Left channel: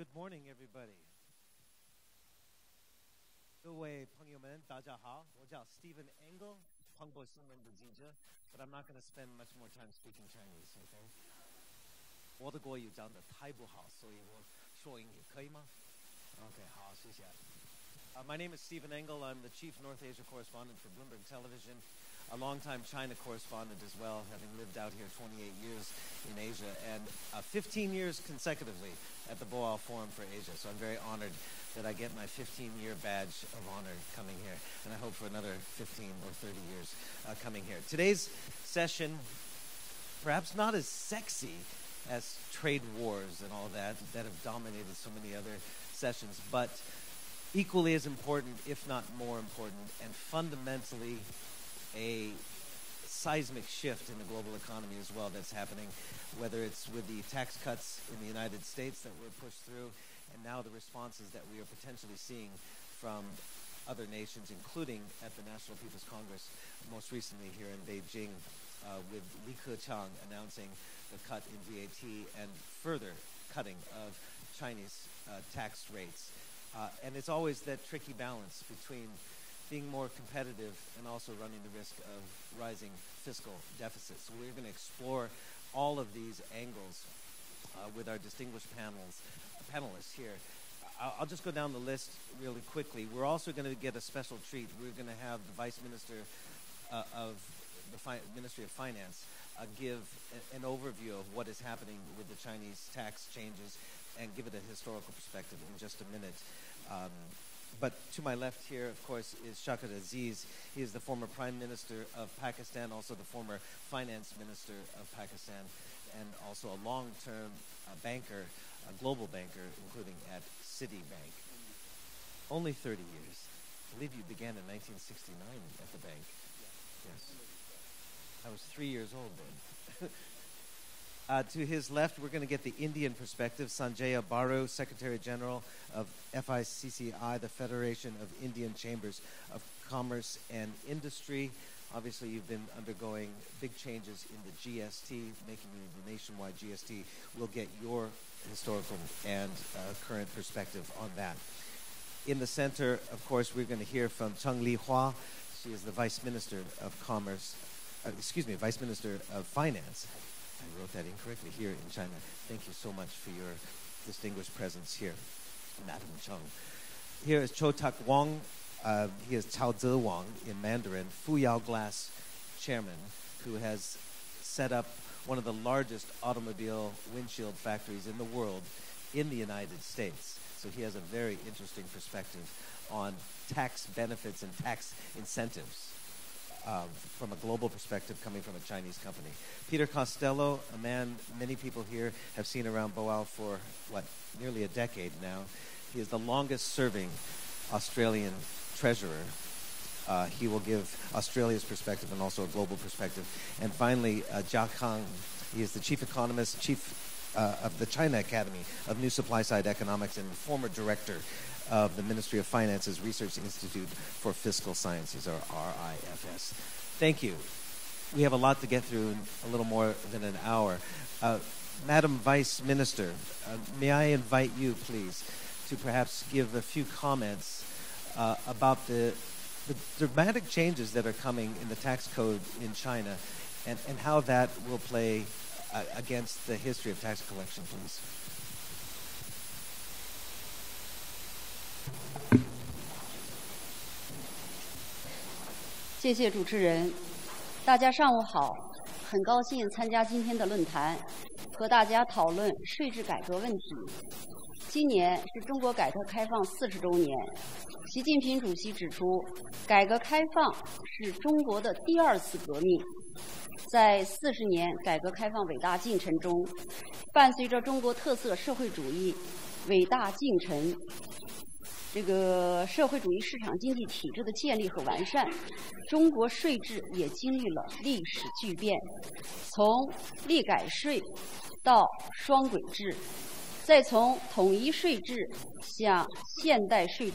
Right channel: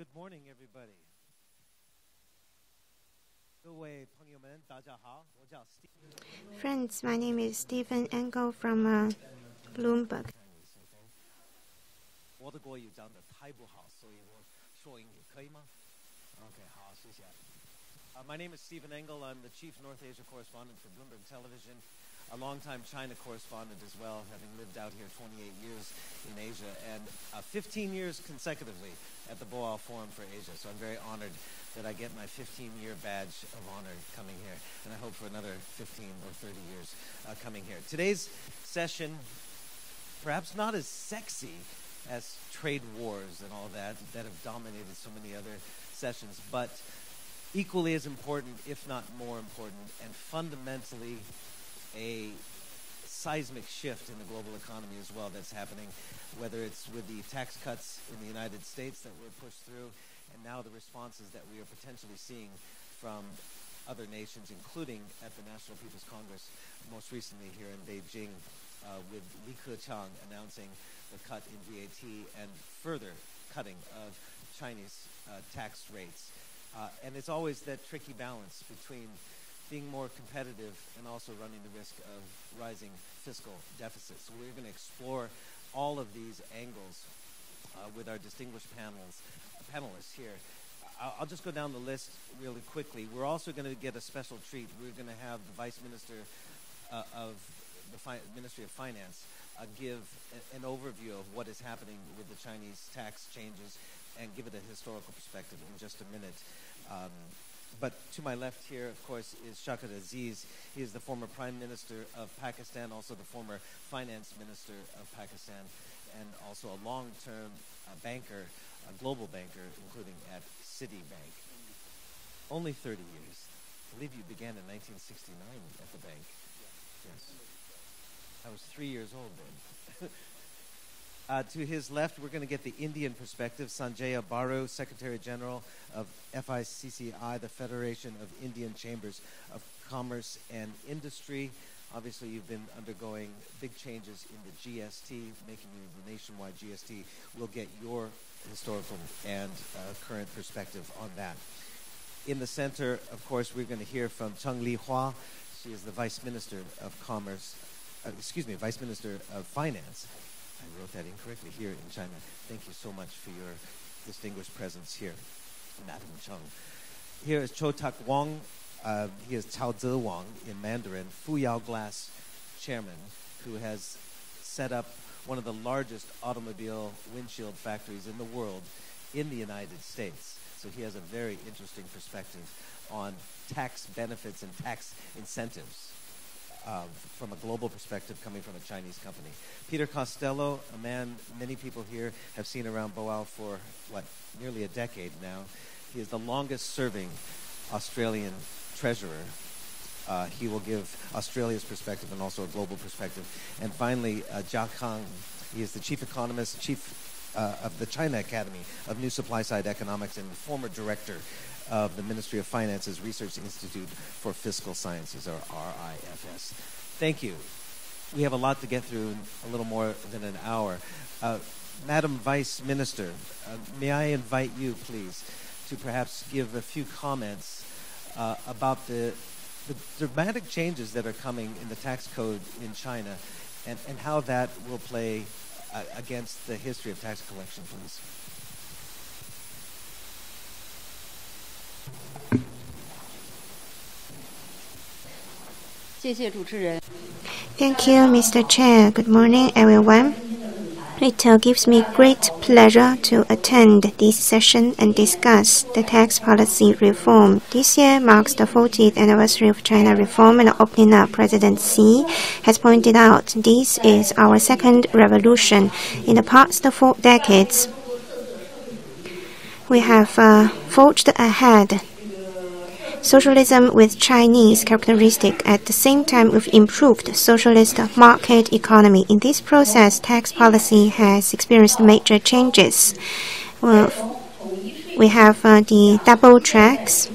Good morning, everybody. 各位朋友们，大家好，我叫 Stephen. Friends, my name is Stephen Engel from Bloomberg. 我的国语讲得太不好，所以我说英语可以吗 ？Okay, 好，谢谢。My name is Stephen Engel. I'm the Chief North Asia Correspondent for Bloomberg Television, a longtime China correspondent as well, having lived out here 28 years in Asia and 15 years consecutively at the Boao Forum for Asia. So I'm very honored that I get my 15-year badge of honor coming here, and I hope for another 15 or 30 years coming here. Today's session, perhaps not as sexy as trade wars and all that have dominated so many other sessions, but equally as important, if not more important, and fundamentally a seismic shift in the global economy as well that's happening, whether it's with the tax cuts in the United States that were pushed through, and now the responses that we are potentially seeing from other nations, including at the National People's Congress, most recently here in Beijing, with Li Keqiang announcing the cut in VAT and further cutting of Chinese tax rates. And it's always that tricky balance between being more competitive and also running the risk of rising fiscal deficits. So we're going to explore all of these angles with our distinguished panelists here. I'll just go down the list really quickly. We're also going to get a special treat. We're going to have the Vice Minister of the Ministry of Finance give an overview of what is happening with the Chinese tax changes and give it a historical perspective in just a minute. But to my left here, of course, is Shawkat Aziz. He is the former Prime Minister of Pakistan, also the former Finance Minister of Pakistan, and also a long-term banker, a global banker, including at Citibank. Only 30 years. I believe you began in 1969 at the bank. Yes. I was 3 years old then. To his left, we're going to get the Indian perspective. Sanjaya Baru, Secretary General of FICCI, the Federation of Indian Chambers of Commerce and Industry. Obviously, you've been undergoing big changes in the GST, making you the nationwide GST. We'll get your historical and current perspective on that. In the center, of course, we're going to hear from Cheng Li Hua. She is the Vice Minister of Vice Minister of Finance. I wrote that incorrectly, here in China. Thank you so much for your distinguished presence here, Madam Cheng. Here is Cho Tak Wong. He is Cao Ze Wang in Mandarin, Fuyao Glass chairman, who has set up one of the largest automobile windshield factories in the world in the United States. So he has a very interesting perspective on tax benefits and tax incentives from a global perspective coming from a Chinese company. Peter Costello, a man many people here have seen around Boao for, nearly a decade now. He is the longest-serving Australian treasurer. He will give Australia's perspective and also a global perspective. And finally, Jia Kang, he is the chief economist, of the China Academy of New Supply-Side Economics and former director of the Ministry of Finance's Research Institute for Fiscal Sciences, or RIFS. Thank you. We have a lot to get through in a little more than an hour. Madam Vice Minister, may I invite you, please, to perhaps give a few comments about the dramatic changes that are coming in the tax code in China and how that will play against the history of tax collection, please. Thank you, Mr. Chair. Good morning, everyone. It gives me great pleasure to attend this session and discuss the tax policy reform. This year marks the 40th anniversary of China reform, and opening up, President Xi has pointed out this is our second revolution. In the past 4 decades, we have forged ahead socialism with Chinese characteristics. At the same time, we've improved socialist market economy. In this process, tax policy has experienced major changes. We have the double tracks,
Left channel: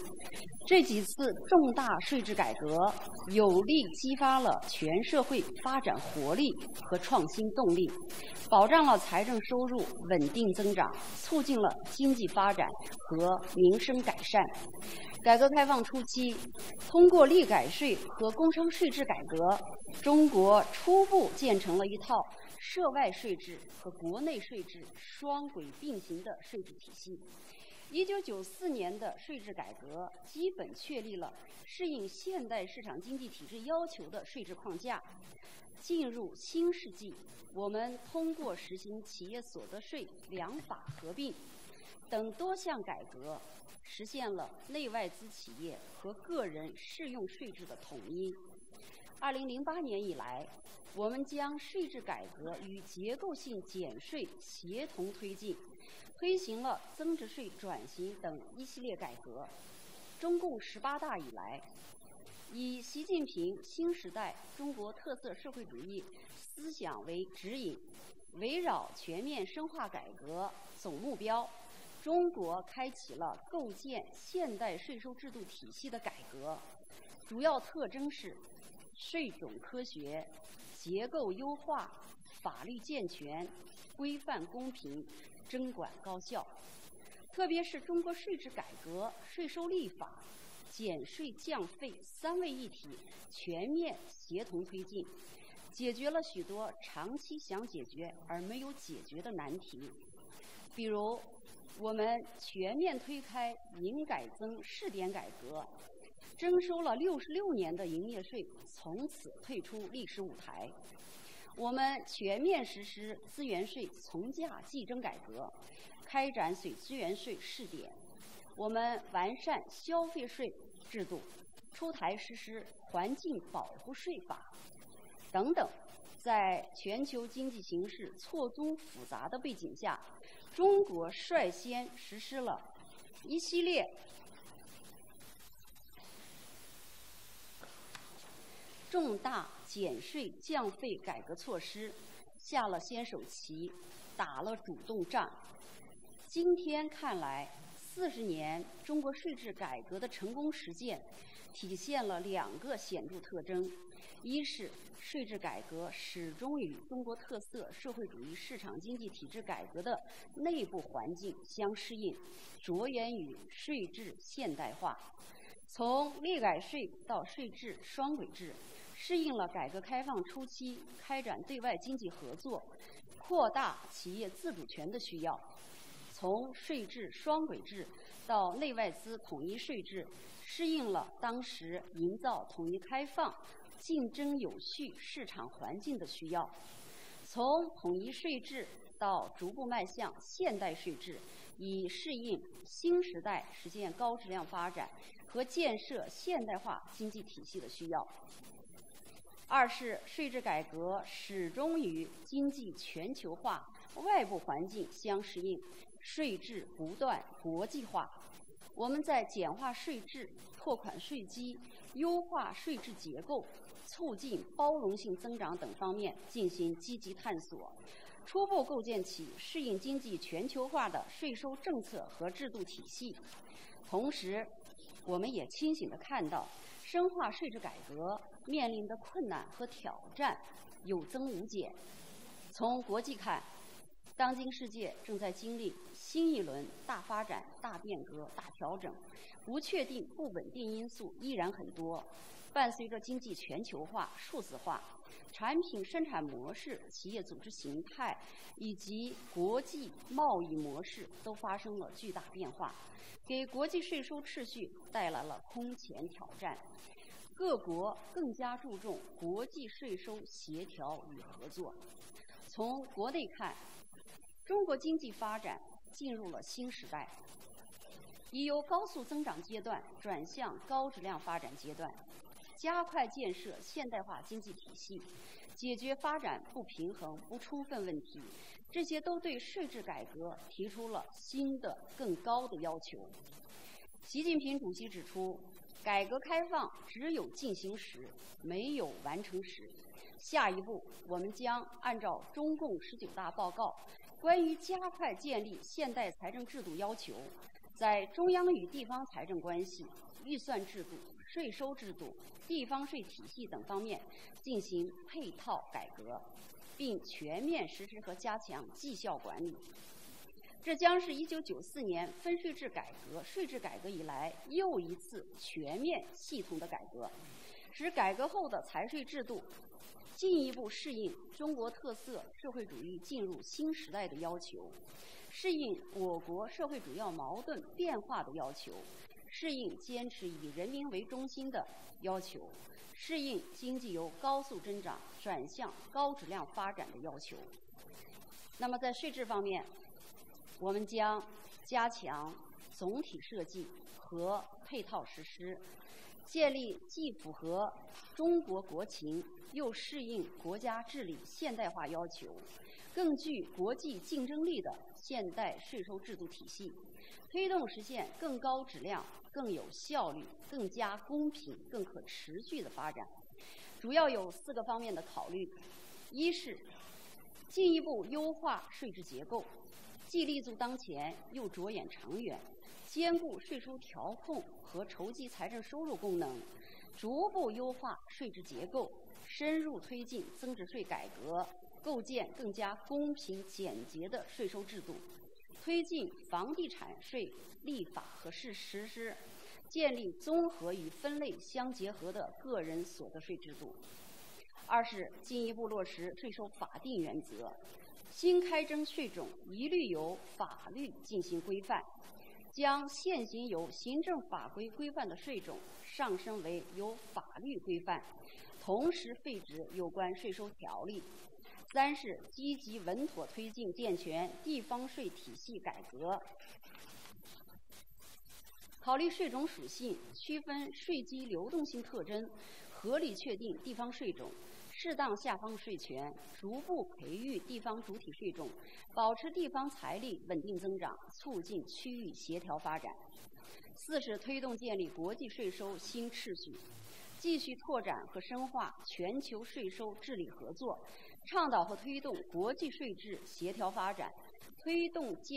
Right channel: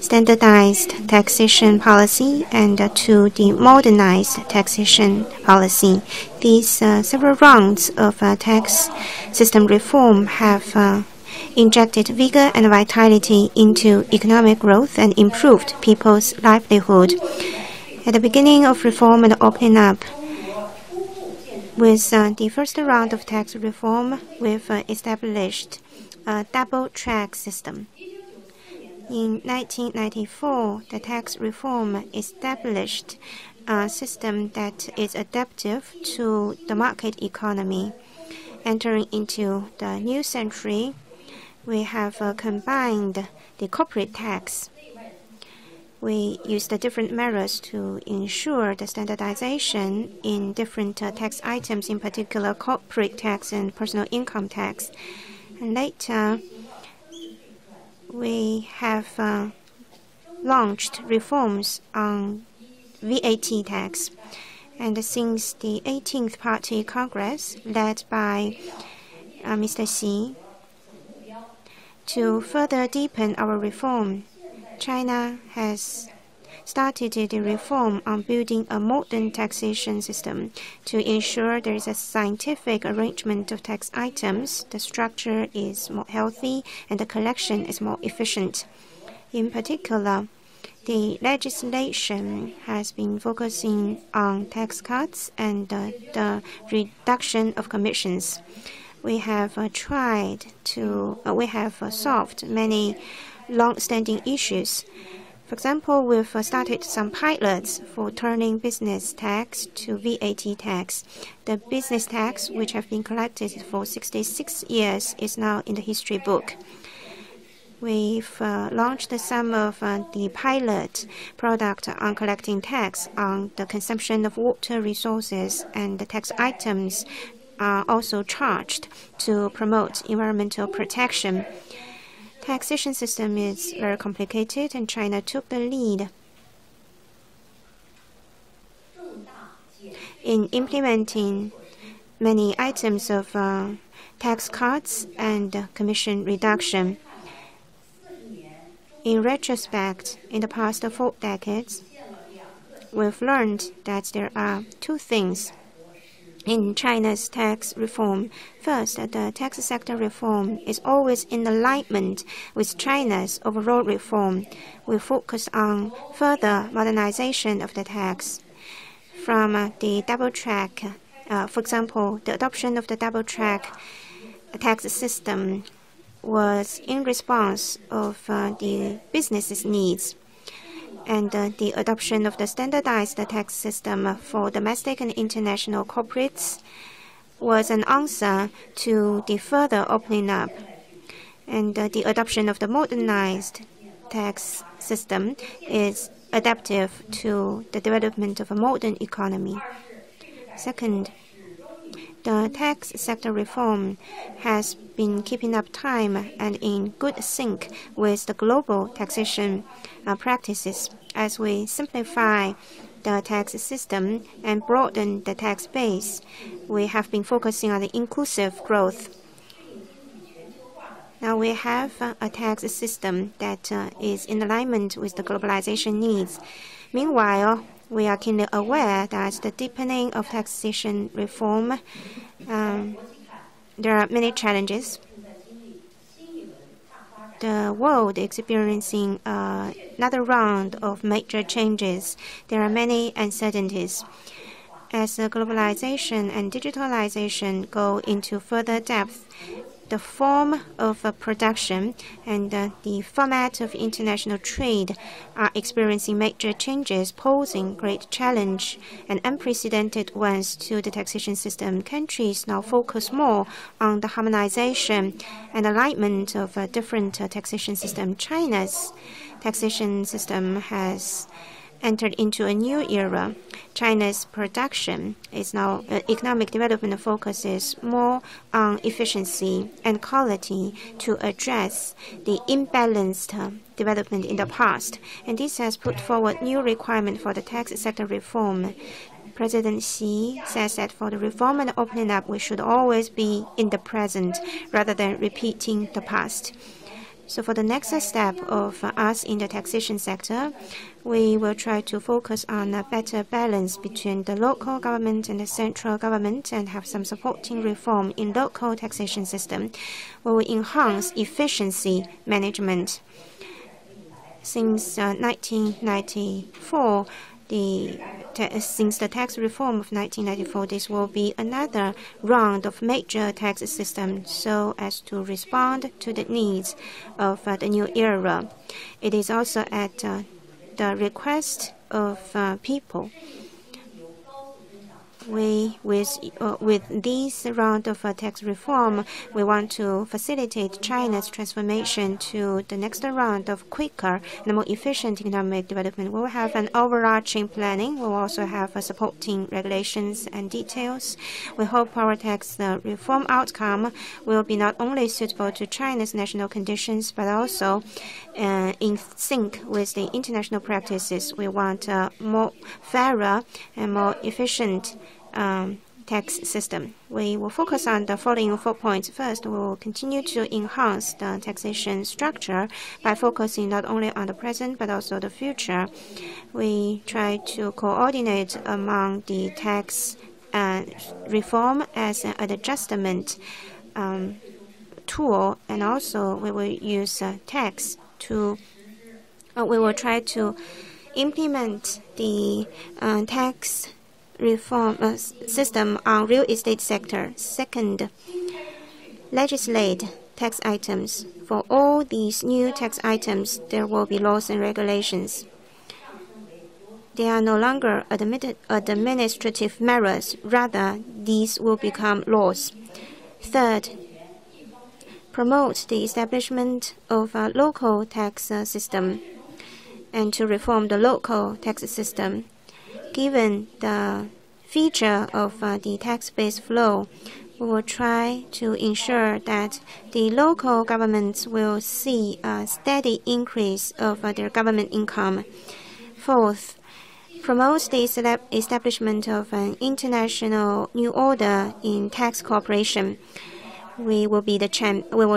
standardized taxation policy, and to the modernized taxation policy. These several rounds of tax system reform have injected vigor and vitality into economic growth and improved people's livelihood. At the beginning of reform and opening up, with the first round of tax reform, we've established a double-track system. In 1994, the tax reform established a system that is adaptive to the market economy. Entering into the new century, we have combined the corporate tax. We use the different measures to ensure the standardization in different tax items, in particular corporate tax and personal income tax. And later, we have launched reforms on VAT tax. And since the 18th Party Congress, led by Mr. Xi, to further deepen our reform, China has started the reform on building a modern taxation system to ensure there is a scientific arrangement of tax items, the structure is more healthy, and the collection is more efficient. In particular, the legislation has been focusing on tax cuts and the reduction of commissions. We have solved many long-standing issues. For example, we've started some pilots for turning business tax to VAT tax. The business tax, which have been collected for 66 years, is now in the history book. We've launched some of the pilot product on collecting tax on the consumption of water resources, and the tax items are also charged to promote environmental protection. Taxation system is very complicated, and China took the lead in implementing many items of tax cuts and commission reduction. In retrospect, in the past 4 decades, we've learned that there are 2 things in China's tax reform. First, the tax sector reform is always in alignment with China's overall reform. We focus on further modernization of the tax. From the double track, for example, the adoption of the double track tax system was in response of the business's needs. And the adoption of the standardized tax system for domestic and international corporates was an answer to the further opening up. And the adoption of the modernized tax system is adaptive to the development of a modern economy. Second, the tax sector reform has been keeping up time and in good sync with the global taxation practices. As we simplify the tax system and broaden the tax base, we have been focusing on the inclusive growth. Now we have a tax system that is in alignment with the globalization needs. Meanwhile, we are keenly aware that the deepening of taxation reform, there are many challenges. The world is experiencing another round of major changes. There are many uncertainties. As globalization and digitalization go into further depth, the form of production and the format of international trade are experiencing major changes, posing great challenge and unprecedented ones to the taxation system. Countries now focus more on the harmonization and alignment of different taxation systems. China's taxation system has entered into a new era. China's production is now economic development focuses more on efficiency and quality to address the imbalanced development in the past. And this has put forward new requirements for the tax sector reform. President Xi says that for the reform and opening up, we should always be in the present rather than repeating the past. So for the next step of us in the taxation sector, we will try to focus on a better balance between the local government and the central government and have some supporting reform in local taxation system. We will enhance efficiency management. Since 1994, since the tax reform of 1994, this will be another round of major tax system so as to respond to the needs of the new era. It is also at the request of people. With this round of tax reform, we want to facilitate China's transformation to the next round of quicker and more efficient economic development. We will have an overarching planning. We will also have supporting regulations and details. We hope our tax reform outcome will be not only suitable to China's national conditions, but also in sync with the international practices. We want a more fairer and more efficient tax system. We will focus on the following 4 points. First, we will continue to enhance the taxation structure by focusing not only on the present but also the future. We try to coordinate among the tax reform as an adjustment tool, and also we will use tax to. We will try to implement the tax reform system on real estate sector. Second, legislate tax items. For all these new tax items, there will be laws and regulations. They are no longer administrative measures. Rather, these will become laws. Third, promote the establishment of a local tax system and to reform the local tax system. Given the feature of the tax-based flow, we will try to ensure that the local governments will see a steady increase of their government income. Fourth, promote the establishment of an international new order in tax cooperation. We will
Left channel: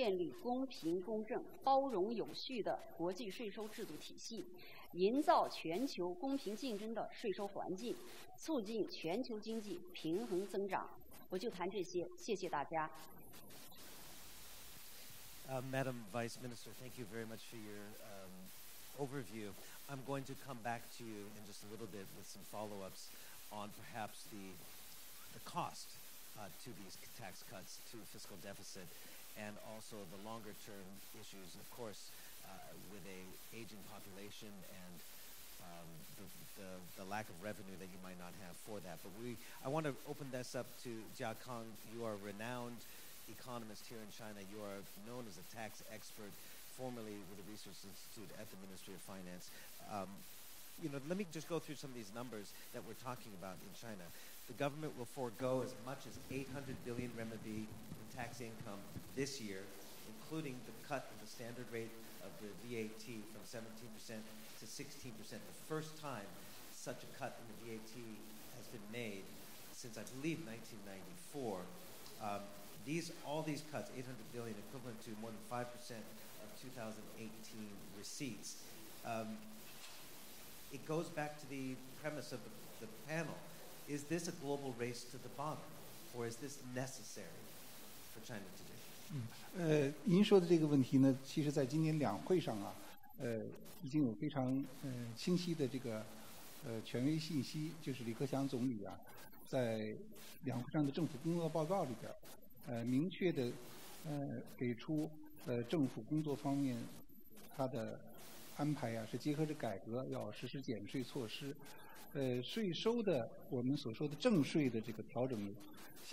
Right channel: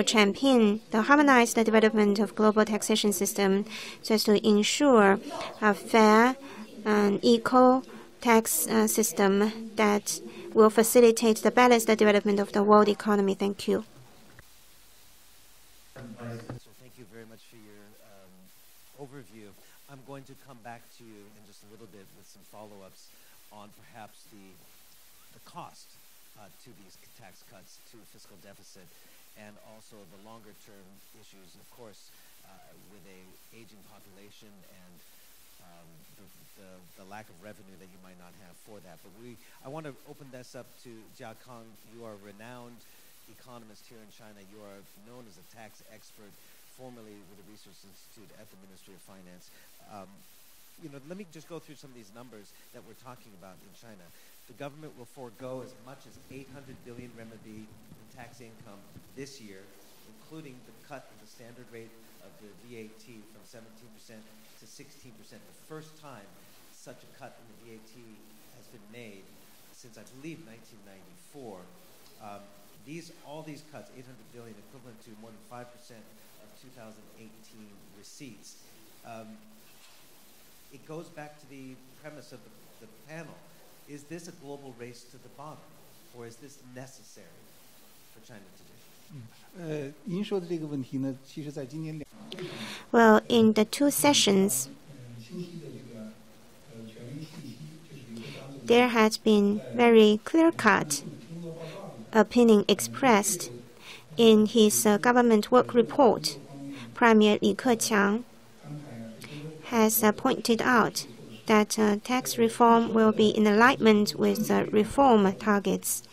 champion the harmonized development of global taxation system so as to ensure a fair and equal tax system that will facilitate the balanced development of the world economy. Thank you. Madam Vice Minister, thank you very much for your overview. I'm going to come back to you in just a little bit with some follow-ups on perhaps the cost to these tax cuts, to fiscal deficit, and also the longer-term issues, of course, with an aging population and the lack of revenue that you might not have for that. But I want to open this up to Jia Kang. You are a renowned economist here in China. You are known as a tax expert, formerly with the Research Institute at the Ministry of Finance. Let me just go through some of these numbers that we're talking about in China. The government will forego as much as 800 billion renminbi in tax income this year, including the cut of the standard rate of the VAT from 17% to 16%. The first time such a cut in the VAT has been made since, I believe, 1994. All these cuts, 800 billion, equivalent to more than 5% of 2018 receipts. It goes back to the premise of the panel. Is this a global race to the bottom, or is this necessary for China to do? 您说的这个问题呢，其实在今年两会上呢。Well, in the two sessions, there has been very clear-cut opinion expressed in his government work report. Premier Li Keqiang has pointed out that tax reform will be in alignment with reform targets.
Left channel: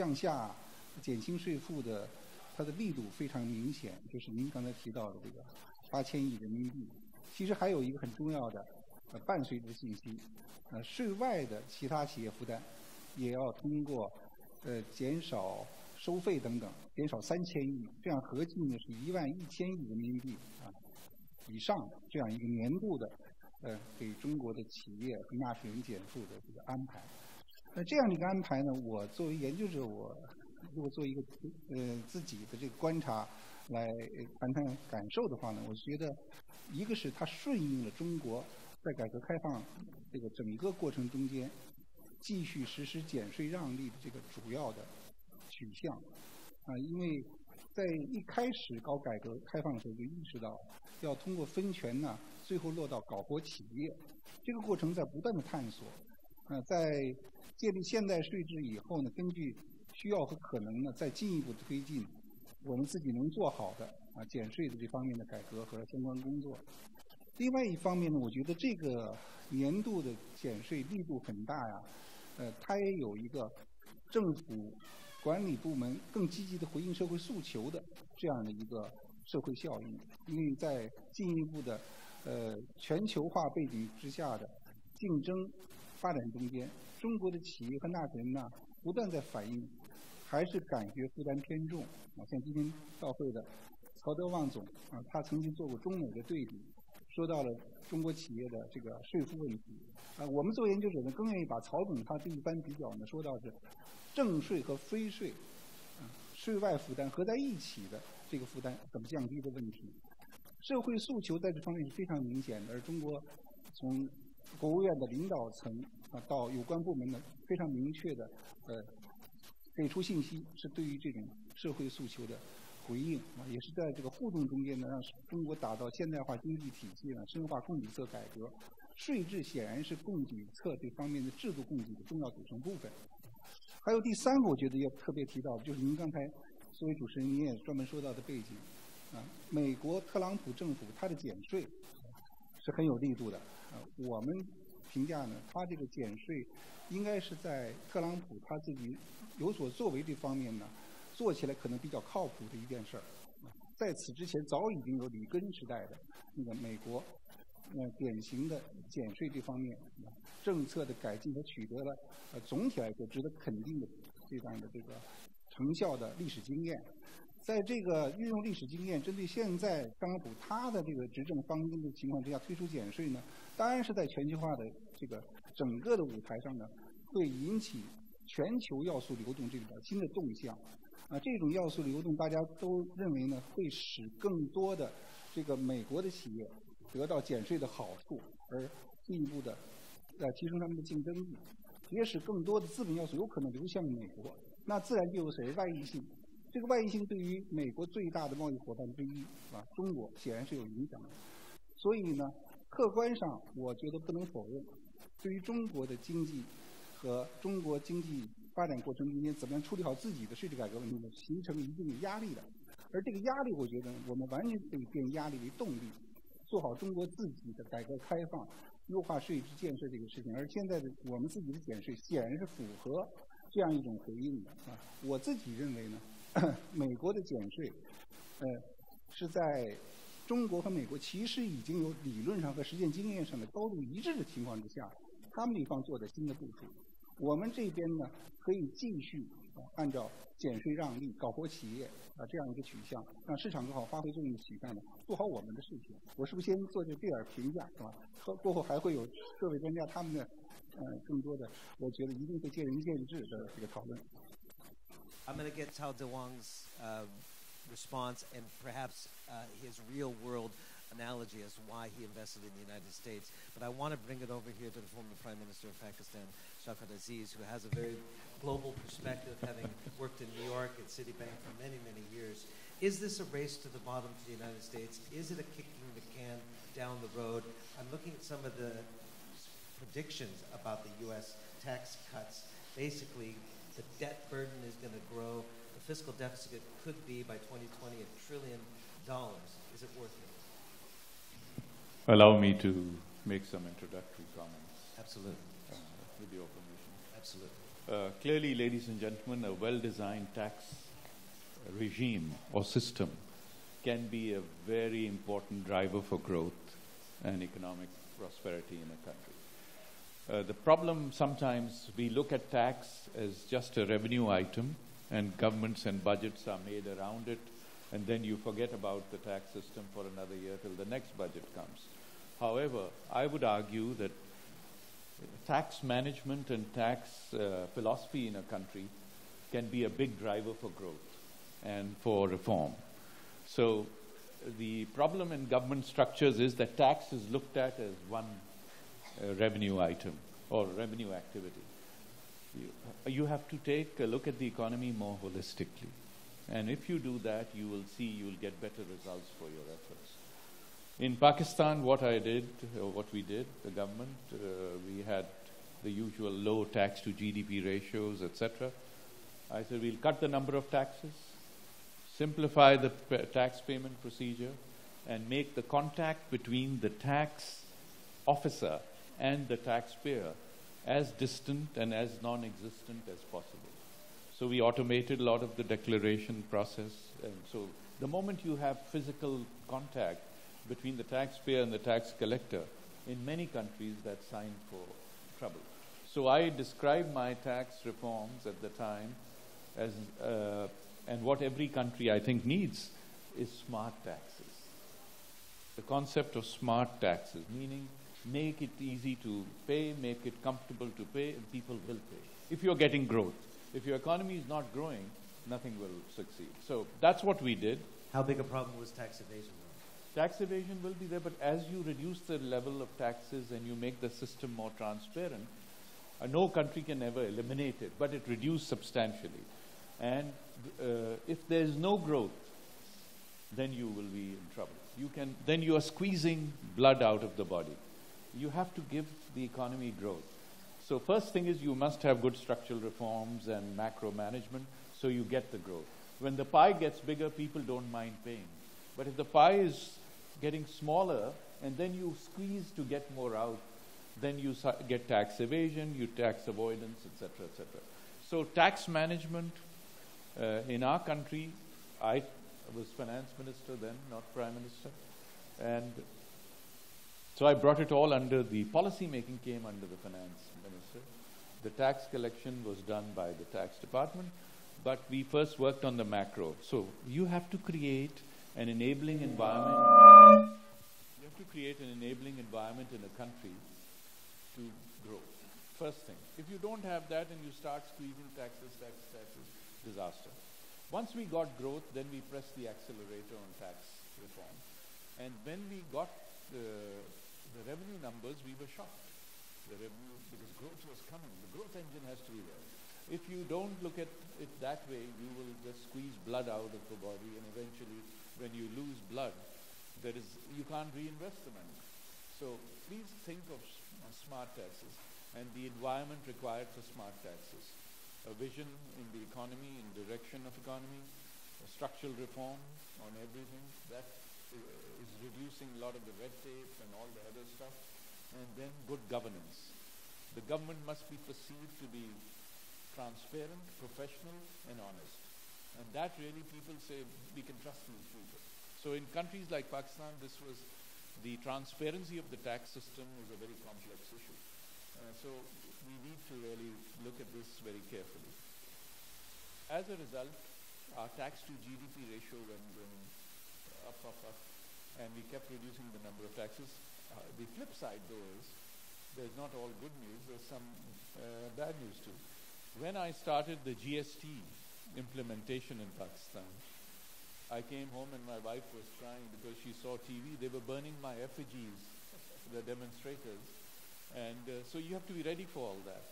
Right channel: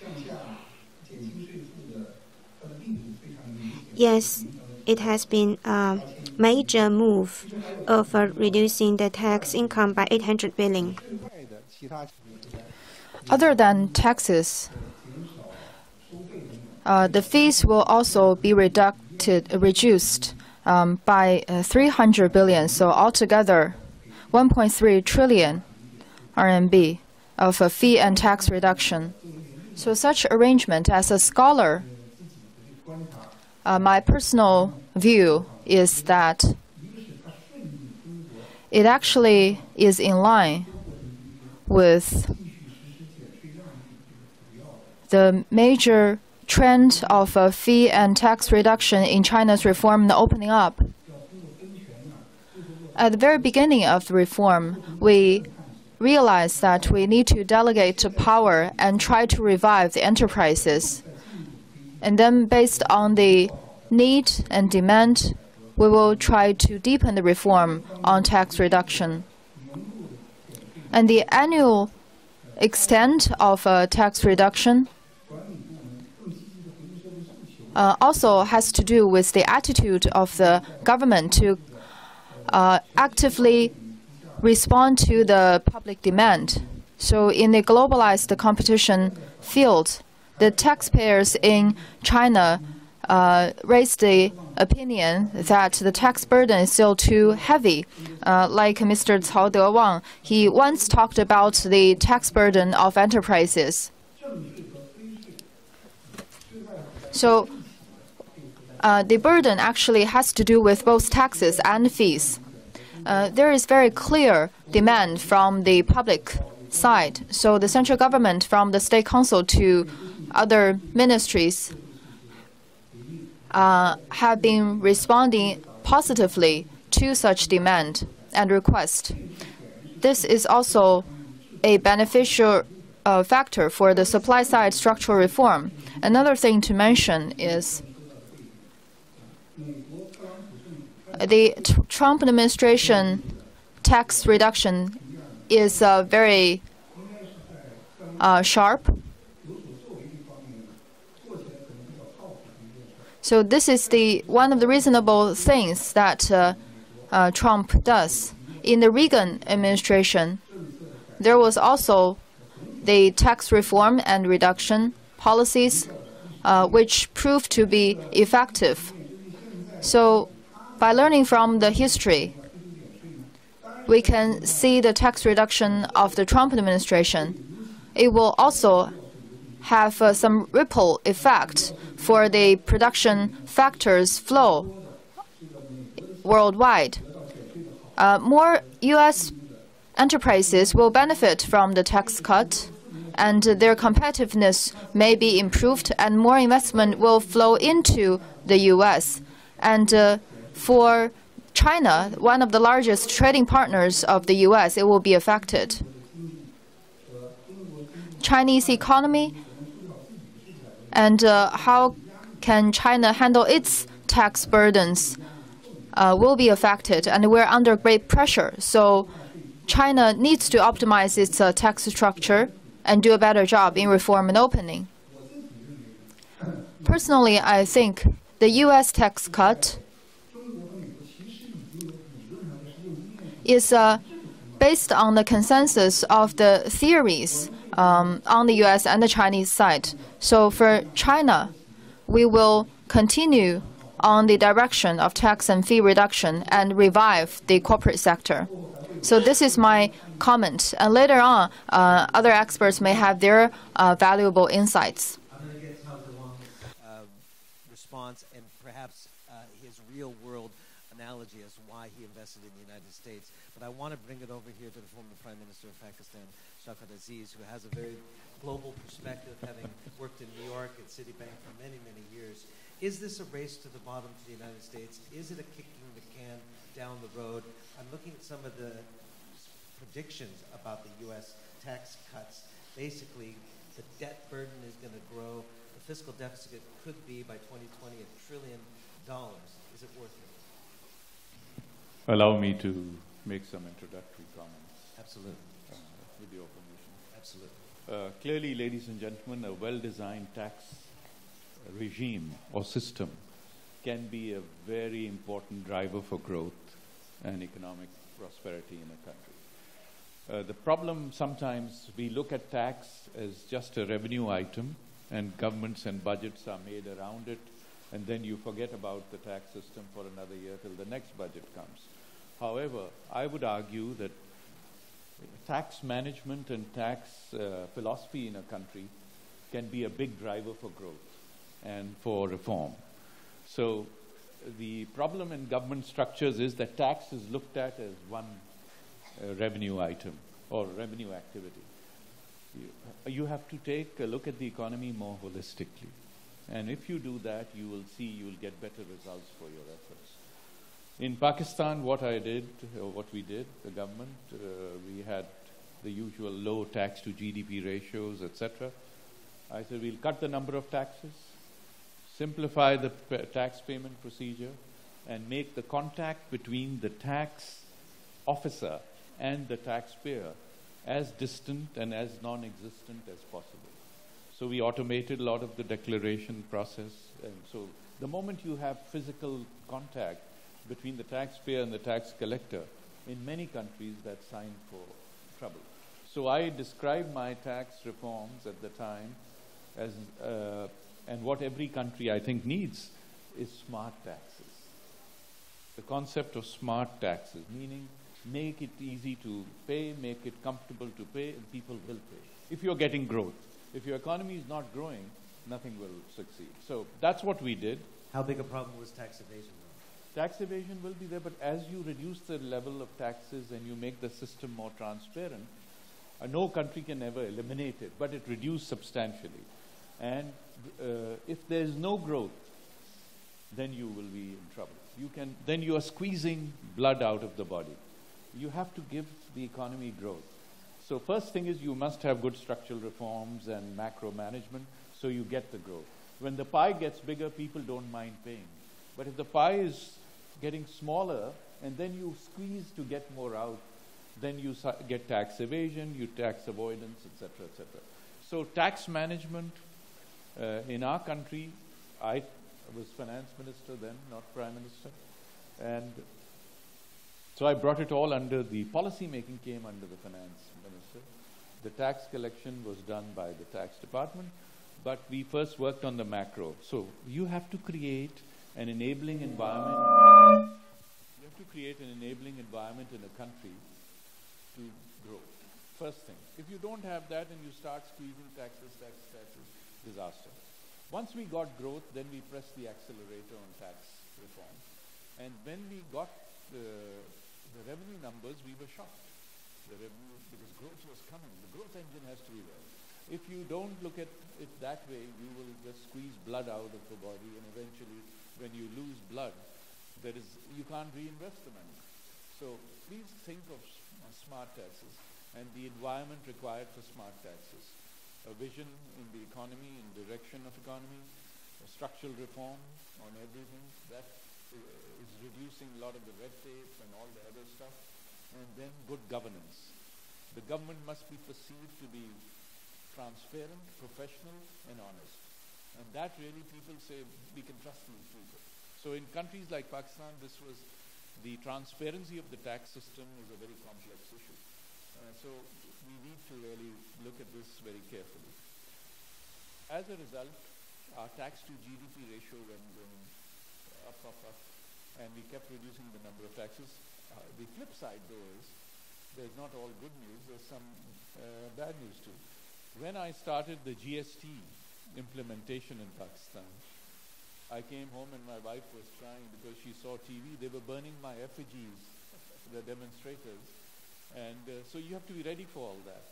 Yes, it has been a major move of reducing the tax income by 800 billion. Other than taxes, the fees will also be reduced by 300 billion, so altogether 1.3 trillion RMB of a fee and tax reduction. So such arrangement, as a scholar, my personal view is that 一个是它顺应了中国 it actually is in line 这个过程中间 with 继续实施减税让利这个主要的 the major trend of fee and tax reduction in China's reform and opening up. 要通过分权呢，最后落到 At the very beginning of the reform, we realized that we need to delegate power and try to revive the enterprises. 再进一步推进 And then, based on the need and demand, we will try to deepen the reform on tax reduction. 年度的减税 And the annual extent of tax reduction 管理部门更积极的回应社会诉求的 also has to do with the attitude of the government to actively 之下 respond to the public demand. So in the globalized competition field, the taxpayers in China raised the opinion that the tax burden is still too heavy. Like Mr. Cao Dewang, he once talked about the tax burden of enterprises. 正税和非税税外负担 So 一起的这个负担 the burden actually has to do with both taxes and fees. There is very clear demand from the public side. So the central government, from the state council to other ministries, have been responding positively to such demand and request. This is also a beneficial factor for the supply side structural reform. Another thing to mention is 说到的背景 美国特朗普政府它的 the Trump administration tax reduction 评价呢 is very 应该是在特朗普 sharp. 有所作为这方面呢，做起来可能比较靠谱的一件事儿。 So this is the one of the reasonable things that Trump does. In the Reagan administration, 政策的改革 there was also 总体来 the tax reform and reduction policies, which proved to be effective. 针对现在 So, 它的 by learning from the history, 要推出减税呢，当然是 we can see the tax reduction of the Trump administration. It will also have some ripple effect for the production factors flow 多的这个美国的企业 worldwide. 得到减税的好， More U.S. enterprises will benefit from the tax cut, and their competitiveness may be improved, and more investment will flow into the U.S. And for China, one of the largest trading partners of the U.S., it will be affected. 经济和中国经济 Chinese economy 怎么样处理好自己的税制改革问题 and how can China handle its tax burdens will be affected, and we're under great pressure. So China needs to optimize its tax structure and do a better job in reform and opening. 我自己认为呢， Personally, I think the U.S. tax cut 中国和美国其实已经有理论上和实践经验上的 is 这个情况。 based on the consensus of the theories on the U.S. and the Chinese side. So for China, we will continue on the direction of tax and fee reduction and revive the corporate sector. So this is my comment. And later on, other experts may have their valuable insights. I'm going to get Cao Dewang's response and perhaps his real-world analogy as to why he invested in the United States. But I want to bring it over here to the former Prime Minister of Pakistan, Shawkat Aziz, who has a very global perspective, having worked in New York at Citibank for many, many years. Is this a race to the bottom for the United States? Is it a kicking the can down the road? I'm looking at some of the predictions about the U.S. tax cuts. Basically, the debt burden is going to grow. The fiscal deficit could be, by 2020, $1 trillion. Is it worth it? Allow me to make some introductory comments Absolutely. with your permission. Absolutely. Clearly, ladies and gentlemen, a well-designed tax regime or system can be a very important driver for growth and economic prosperity in a country. The problem sometimes we look at tax as just a revenue item, and governments and budgets are made around it, and then you forget about the tax system for another year till the next budget comes. However, I would argue that tax management and tax philosophy in a country can be a big driver for growth and for reform. So the problem in government structures is that tax is looked at as one revenue item or revenue activity. You have to take a look at the economy more holistically. And if you do that, you will see you will get better results for your efforts. In Pakistan, what we did, the government, we had the usual low tax to GDP ratios, etc. I said, we'll cut the number of taxes, simplify the tax payment procedure, and make the contact between the tax officer and the taxpayer as distant and as non-existent as possible. So we automated a lot of the declaration process. And so the moment you have physical contact between the taxpayer and the tax collector, in many countries that's sign for trouble. So I described my tax reforms at the time as, and what every country I think needs is smart taxes. The concept of smart taxes, meaning make it easy to pay, make it comfortable to pay, and people will pay. If you're getting growth, if your economy is not growing, nothing will succeed. So that's what we did. How big a problem was tax evasion? Tax evasion will be there, but as you reduce the level of taxes and you make the system more transparent, no country can ever eliminate it, but it reduced substantially. And if there's no growth, then you will be in trouble. Then you are squeezing blood out of the body. You have to give the economy growth. So first thing is you must have good structural reforms and macro management so you get the growth. When the pie gets bigger, people don't mind paying. But if the pie is getting smaller and then you squeeze to get more out, then you get tax evasion, you tax avoidance, etc., etc. So tax management in our country, I was finance minister then, not prime minister, and so I brought it all under the policy making came under the finance minister. The tax collection was done by the tax department, but we first worked on the macro. So you have to create an enabling environment. You have to create an enabling environment in a country to grow. First thing. If you don't have that and you start squeezing taxes, disaster. Once we got growth, then we pressed the accelerator on tax reform. And when we got the revenue numbers, we were shocked. The revenue, because growth was coming. The growth engine has to be there. If you don't look at it that way, you will just squeeze blood out of the body, and eventually, when you lose blood, you can't reinvest the money. So please think of smart taxes and the environment required for smart taxes. A vision in the economy, in direction of economy, a structural reform on everything, that is reducing a lot of the red tape and all the other stuff, and then good governance. The government must be perceived to be transparent, professional, and honest. And that really people say, we can trust these people. So in countries like Pakistan, the transparency of the tax system is a very complex issue. So we need to really look at this very carefully. As a result, our tax to GDP ratio went going up, and we kept reducing the number of taxes. The flip side, though, is there's not all good news. There's some bad news too. When I started the GST implementation in Pakistan, I came home and my wife was crying because she saw TV. They were burning my effigies, the demonstrators. And so you have to be ready for all that.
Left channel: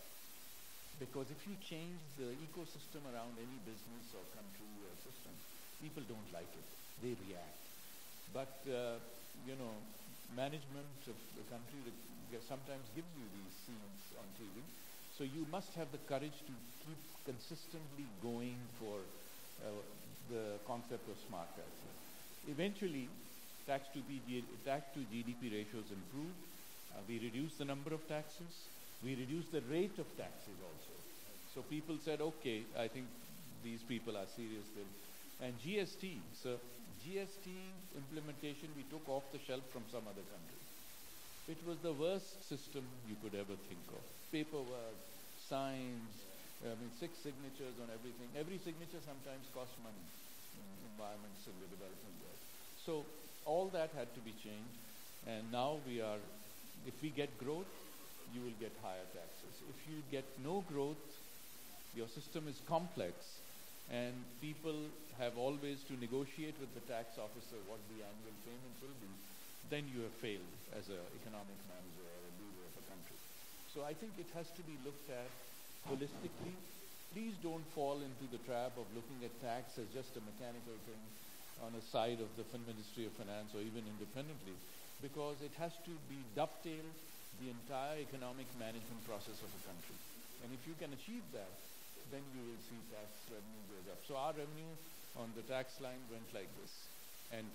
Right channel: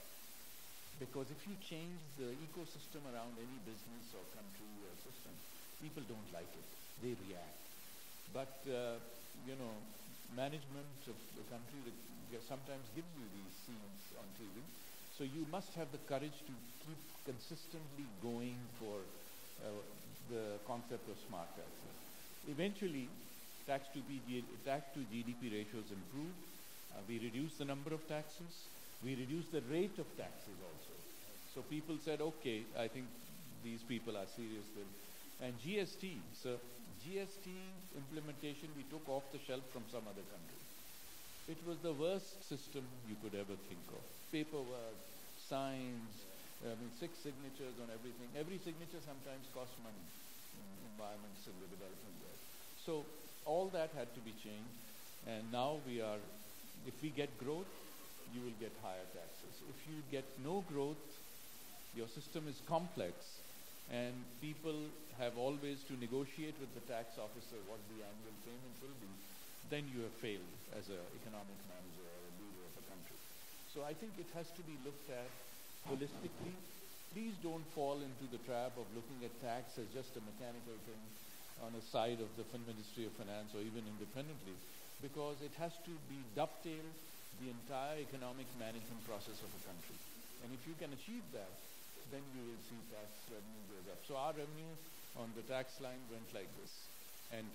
Because if you change the ecosystem around any business or country or system, people don't like it. They react. But, management of the country sometimes gives you these scenes on TV. So you must have the courage to keep consistently going for the concept of smart taxes. Eventually, tax to GDP ratios improved. We reduced the number of taxes. We reduced the rate of taxes also. So people said, okay, I think these people are serious. And GST, so GST implementation we took off the shelf from some other country. It was the worst system you could ever think of. Paperwork, signs, 6 signatures on everything. Every signature sometimes costs money in environments in the development world. So all that had to be changed. And now if we get growth, you will get higher taxes. If you get no growth, your system is complex, And people have always to negotiate with the tax officer what the annual payment will be. Then you have failed as an economic manager or a leader of a country. So I think it has to be looked at holistically. Please don't fall into the trap of looking at tax as just a mechanical thing on a side of the Ministry of Finance or even independently, because it has to be dovetailed the entire economic management process of a country. And if you can achieve that, then you will see tax revenue goes up. So our revenue on the tax line went like this. And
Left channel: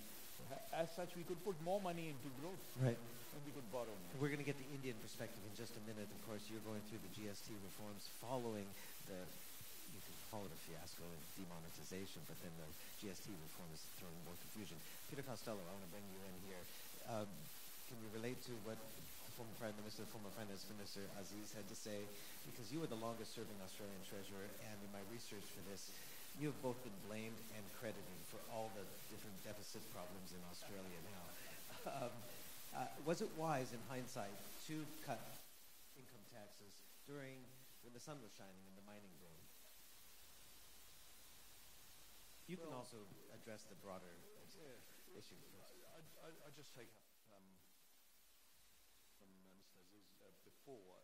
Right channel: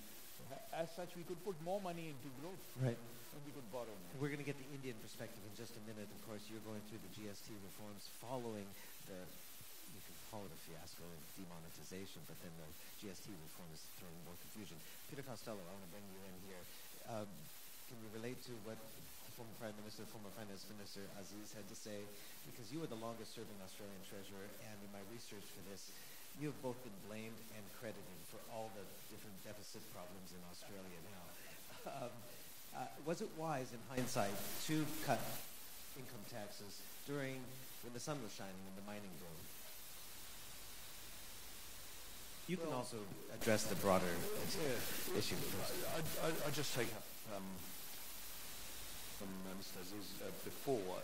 as such, we could put more money into growth. Right. And we could borrow more. We're going to get the Indian perspective in just a minute. Of course, you're going through the GST reforms following the, you could call it a fiasco of demonetization, but then the GST reform is throwing more confusion. Peter Costello, I want to bring you in here. Can you relate to what the former Prime Minister, former Finance Minister Aziz had to say? Because you were the longest serving Australian Treasurer, and in my research for this, you have both been blamed and credited for all the different deficit problems in Australia now. Was it wise, in hindsight, to cut income taxes when the sun was shining in the mining boom? You can also address the broader issue first. I just take up from Mr. Aziz before.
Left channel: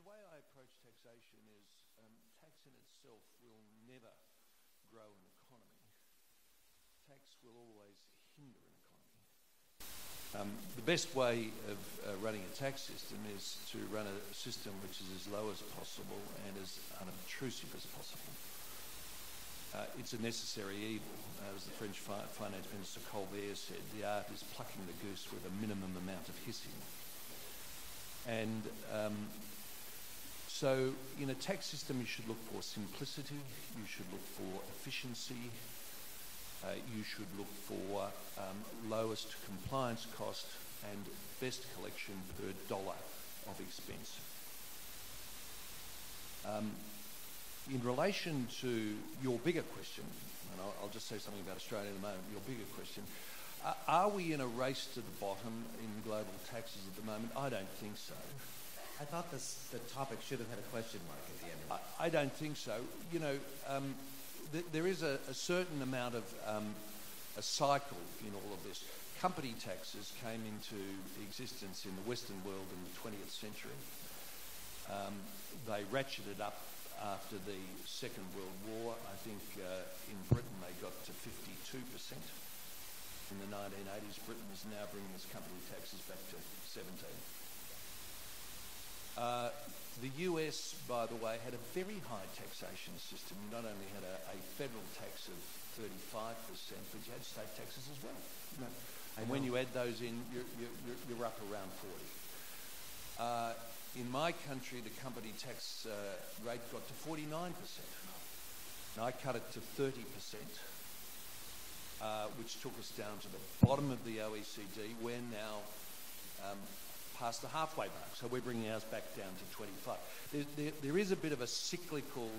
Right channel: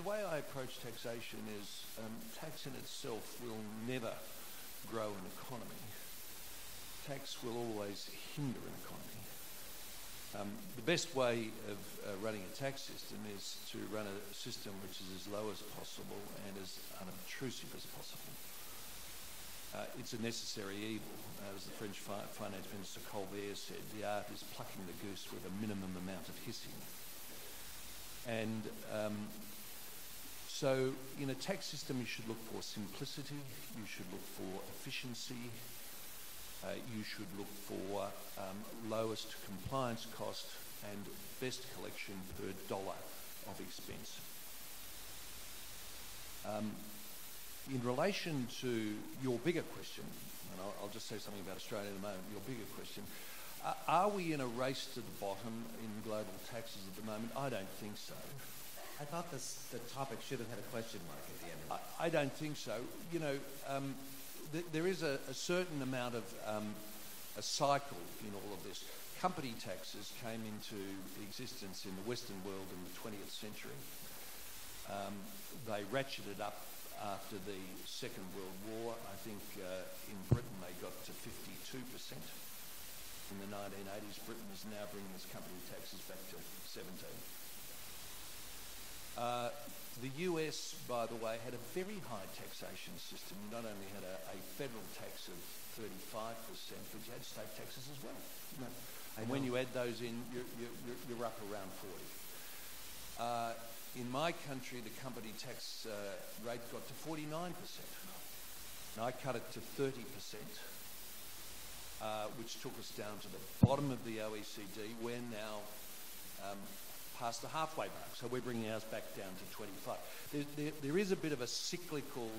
The way I approach taxation is tax in itself will never grow an economy. Tax will always hinder an economy. The best way of running a tax system is to run a system which is as low as possible and as unobtrusive as possible. It's a necessary evil. As the French Finance Minister Colbert said, the art is plucking the goose with a minimum amount of hissing. And so in a tax system you should look for simplicity, you should look for efficiency, you should look for lowest compliance cost and best collection per dollar of expense. In relation to your bigger question, and I'll just say something about Australia in a moment, your bigger question, are we in a race to the bottom in global taxes at the moment? I don't think so. I thought the topic should have had a question mark at the end of it. I don't think so. You know, there is a certain amount of a cycle in all of this. Company taxes came into existence in the Western world in the 20th century. They ratcheted up after the Second World War. I think in Britain they got to 52%. In the 1980s, Britain is now bringing its company taxes back to 17%. The US, by the way, had a very high taxation system. You not only had a federal tax of 35%, but you had state taxes as well. And when you add those in, you're up around 40%. In my country, the company tax rate got to 49%. And I cut it to 30%, which took us down to the bottom of the OECD. We're now past the halfway mark, so we're bringing ours back down to 25. There is a bit of a cyclical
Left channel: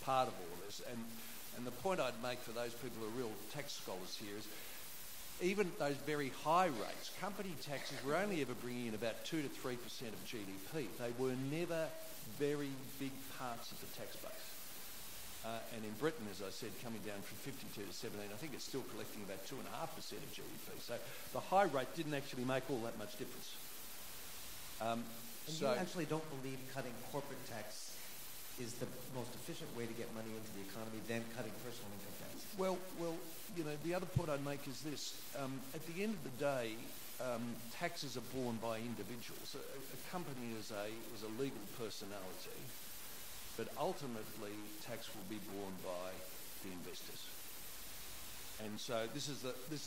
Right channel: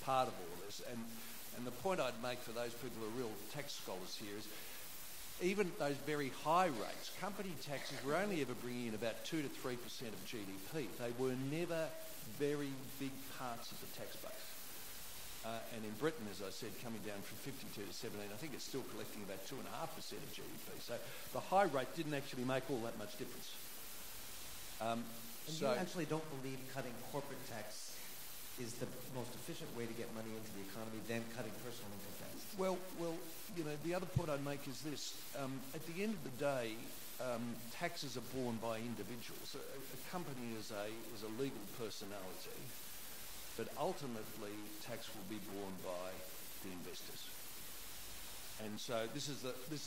part of all this, and the point I'd make for those people who are real tax scholars here is even at those very high rates, company taxes were only ever bringing in about 2 to 3% of GDP. They were never very big parts of the tax base. And in Britain, as I said, coming down from 52 to 17, I think it's still collecting about 2.5% of GDP. So the high rate didn't actually make all that much difference. And you actually don't believe cutting corporate tax is the most efficient way to get money into the economy than cutting personal income tax? Well, you know, the other point I'd make is this. At the end of the day, taxes are borne by individuals. A company is a legal personality, but ultimately tax will be borne by the investors. And so this is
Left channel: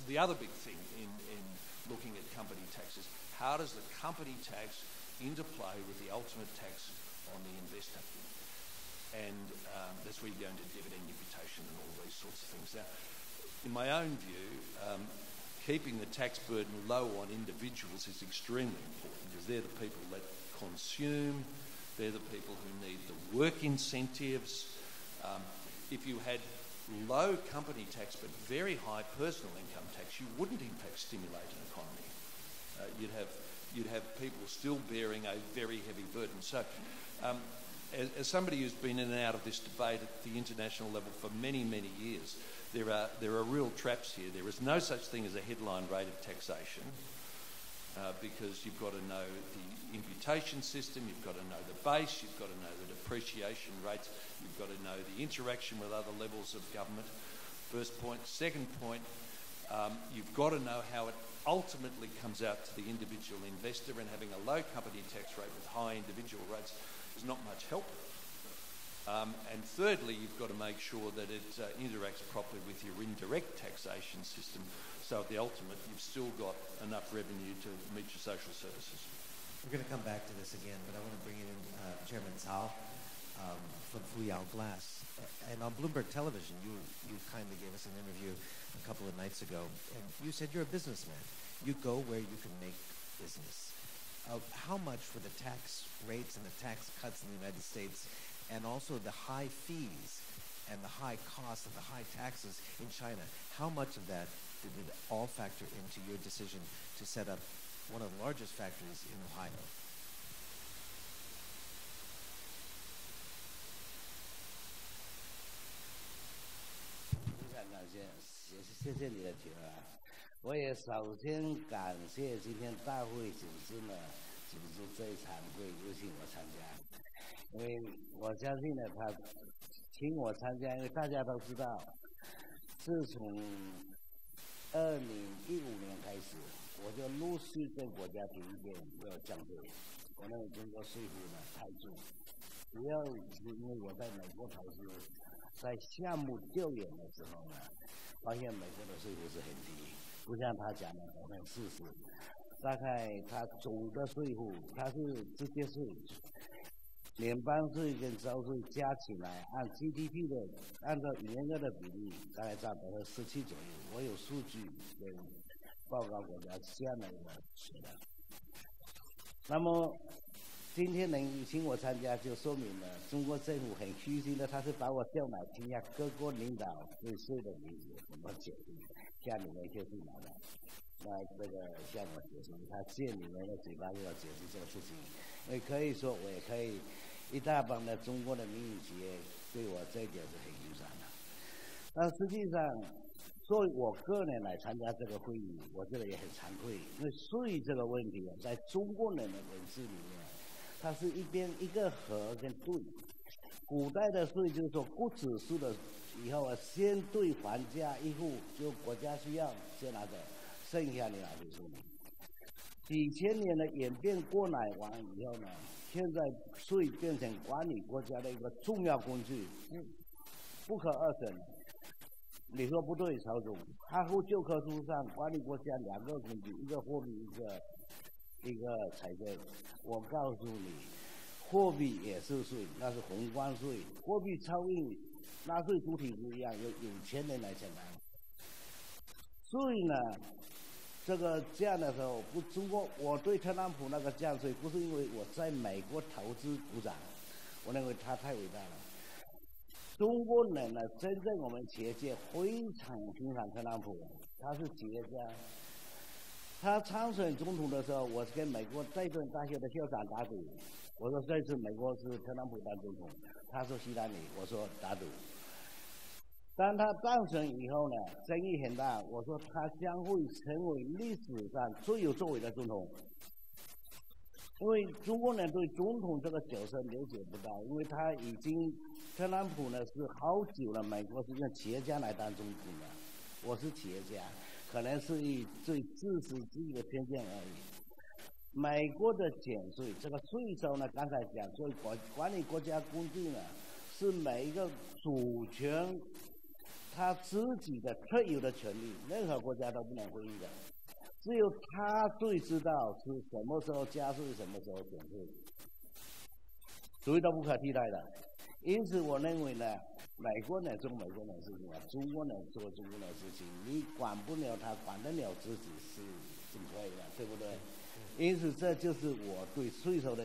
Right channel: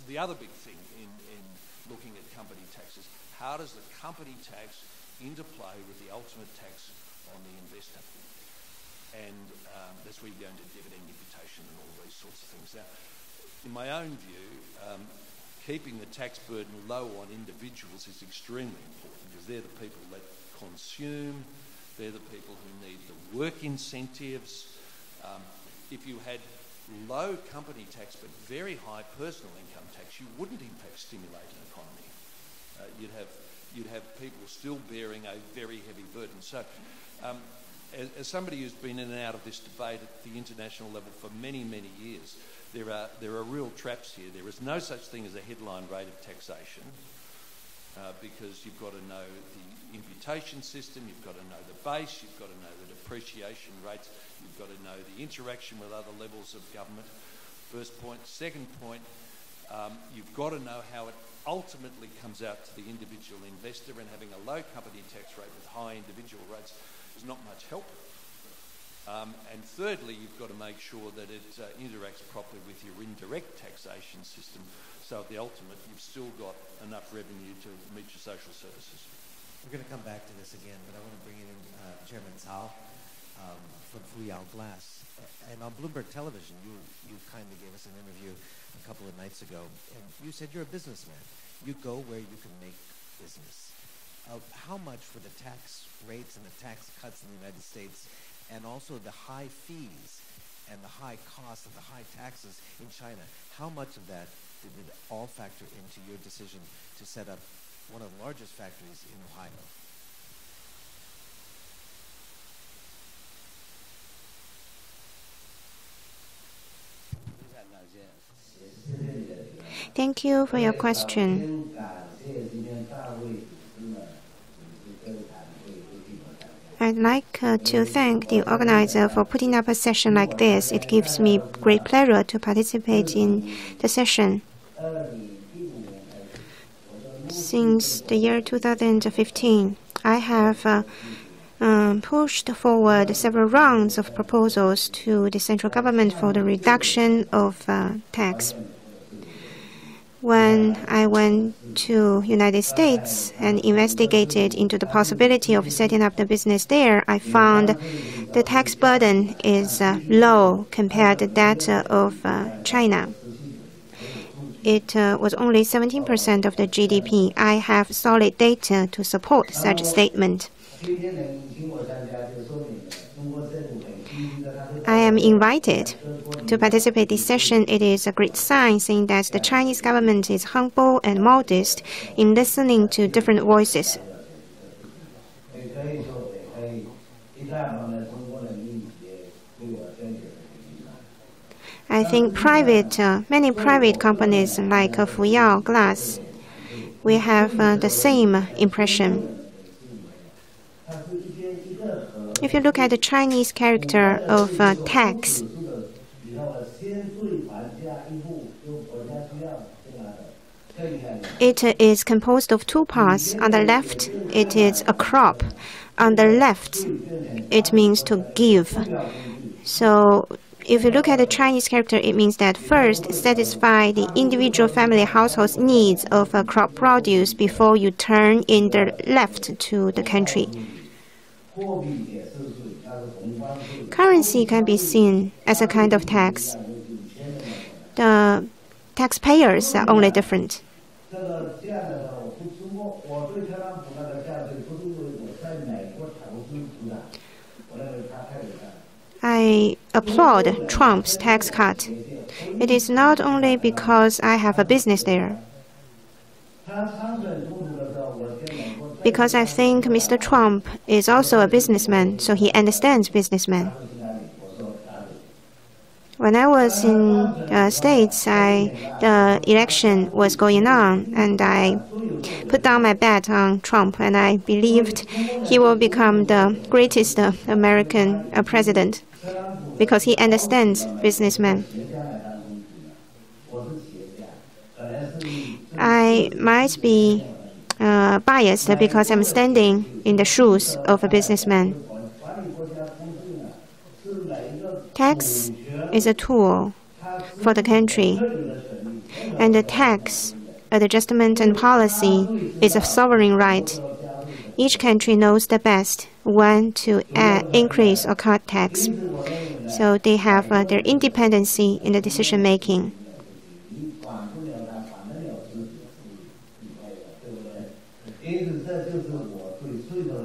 the other big thing in looking at company taxes. How does the company tax interplay with the ultimate tax on the investor? And that's where you go into dividend imputation and all these sorts of things. Now, in my own view, keeping the tax burden low on individuals is extremely important because they're the people that consume, they're the people who need the work incentives. If you had low company tax but very high personal income tax, you wouldn't in fact stimulate an economy. You'd have people still bearing a very heavy burden. So as somebody who's been in and out of this debate at the international level for many, many years, there are real traps here. There is no such thing as a headline rate of taxation because you've got to know the imputation system, you've got to know the base, you've got to know the depreciation rates, you've got to know the interaction with other levels of government. First point. Second point, you've got to know how it ultimately comes out to the individual investor, and having a low company tax rate with high individual rates is not much help. And thirdly, you've got to make sure that it interacts properly with your indirect taxation system, so at the ultimate you've still got enough revenue to meet your social services. We're going to come back to this again, but I want to bring in Chairman Cao from Fuyao Glass. And on Bloomberg Television, you kindly gave us an interview a couple of nights ago, and you said you're a businessman. You go where you can make business. How much for the tax rates and the tax cuts in the United States, and also the high fees and the high costs and the high taxes in China, how much of that did it all factor into your decision to set up one of the largest factories in Ohio? Thank you for your question. I'd like to thank the organizer for putting up a session like this. It gives me great pleasure to participate in the session. Since the year 2015, I have pushed forward several rounds of proposals to the central government for the reduction of tax. When I went to United States and investigated into the possibility of setting up the business there, I found the tax burden is low compared to that of China. It was only 17% of the GDP. I have solid data to support such a statement. I am invited to participate in this session. It is a great sign saying that the Chinese government is humble and modest in listening to different voices. I think many private companies like Fuyao Glass, we have the same impression. If you look at the Chinese character of tax, it is composed of two parts. On the left, it is a crop. On the left, it means to give. So if you look at the Chinese character, it means that first, satisfy the individual family household's needs of crop produce before you turn in the left to the country. Currency can be seen as a kind of tax. The taxpayers are only different. I applaud Trump's tax cut. It is not only because I have a business there. Because I think Mr. Trump is also a businessman, so he understands businessmen. When I was in the States, the election was going on, and I put down my bet on Trump, and I believed he will become the greatest American president because he understands businessmen. I might be biased because I'm standing in the shoes of a businessman. Tax is a tool for the country, and the tax adjustment and policy is a sovereign right. Each country knows the best when to increase or cut tax, so they have their independency in the decision making.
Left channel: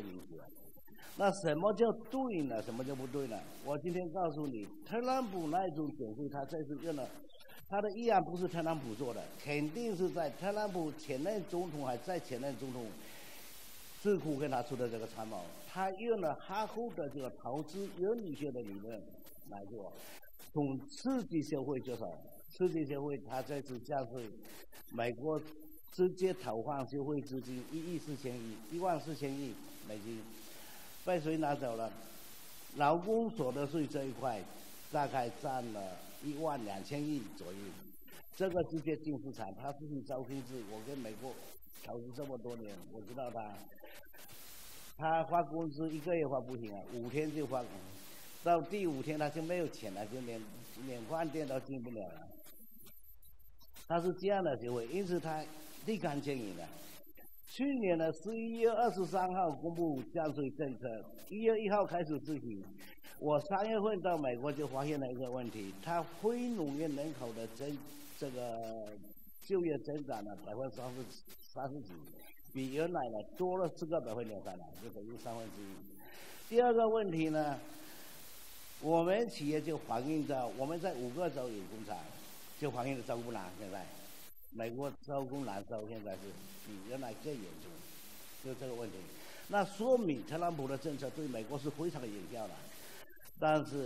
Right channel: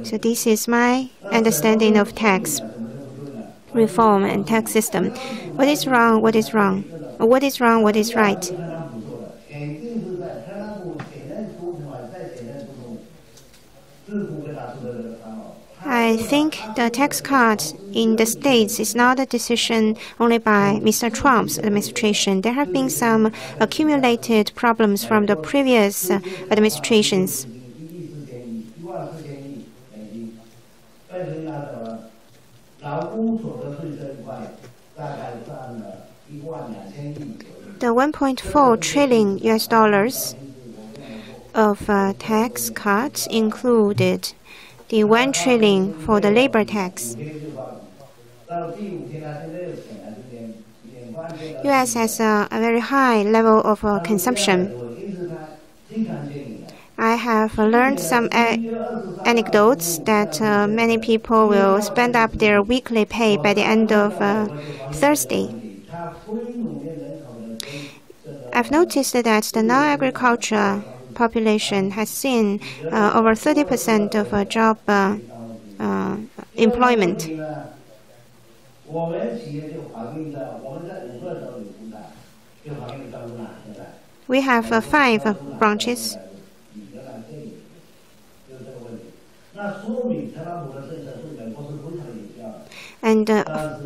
So this is my understanding of tax reform and tax system. What is wrong? What is wrong? What is wrong? What is right? I I think the tax cut in the States is not a decision only by Mr. Trump's administration. There have been some accumulated problems from the previous administrations. The $1.4 trillion of tax cuts included the $1 trillion for the labor tax. U.S. has a very high level of consumption. I have learned some anecdotes that many people will spend up their weekly pay by the end of Thursday. I've noticed that the non-agriculture population has seen over 30% of job employment. We have 5 branches. And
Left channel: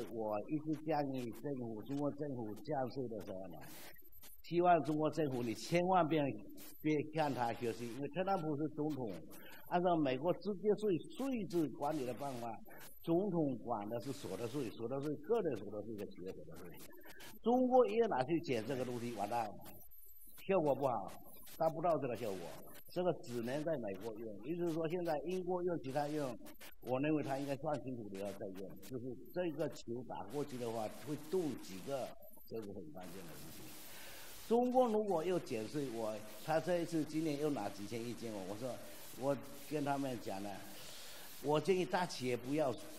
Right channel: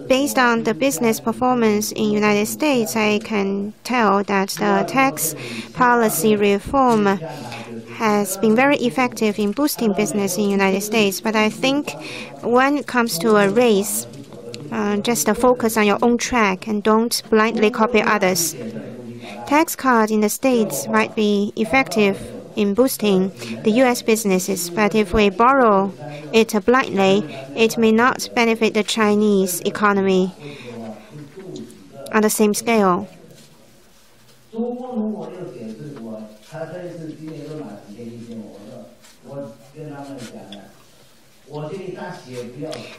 based on the business performance in the United States, I can tell that the tax policy reform has been very effective in boosting business in the United States. But I think when it comes to a race, just focus on your own track and don't blindly copy others. Tax cuts in the States might be effective in boosting the U.S. businesses, but if we borrow it blindly, it may not benefit the Chinese economy on the same scale.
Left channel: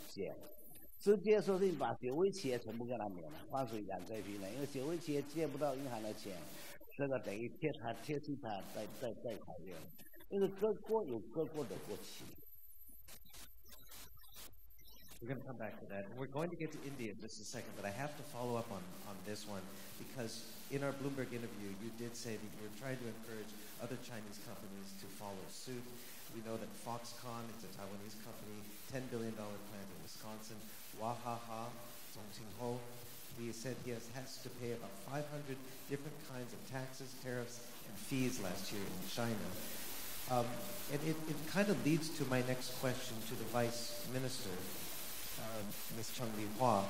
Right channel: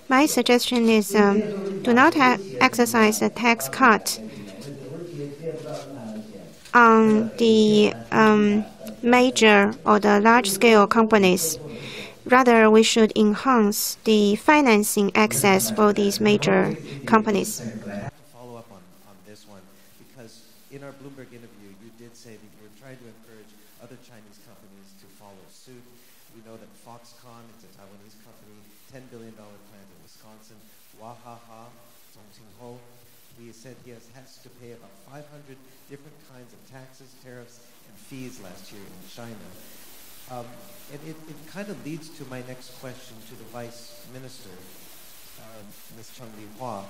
My suggestion is do not exercise a tax cut on the major or the large-scale companies. Rather, we should enhance the financing access for these major companies. I have to follow up on this one, because in our Bloomberg interview, you did say that you were trying to encourage other Chinese companies to follow suit. We know that Foxconn, it's a Taiwanese company, $10 billion plant in Wisconsin. Wahaha, Zhongqingho, he said he has to pay about 500 different kinds of taxes, tariffs, and fees last year in China. And it kind of leads to my next question to the Vice Minister, Ms. Cheng Li-Hua.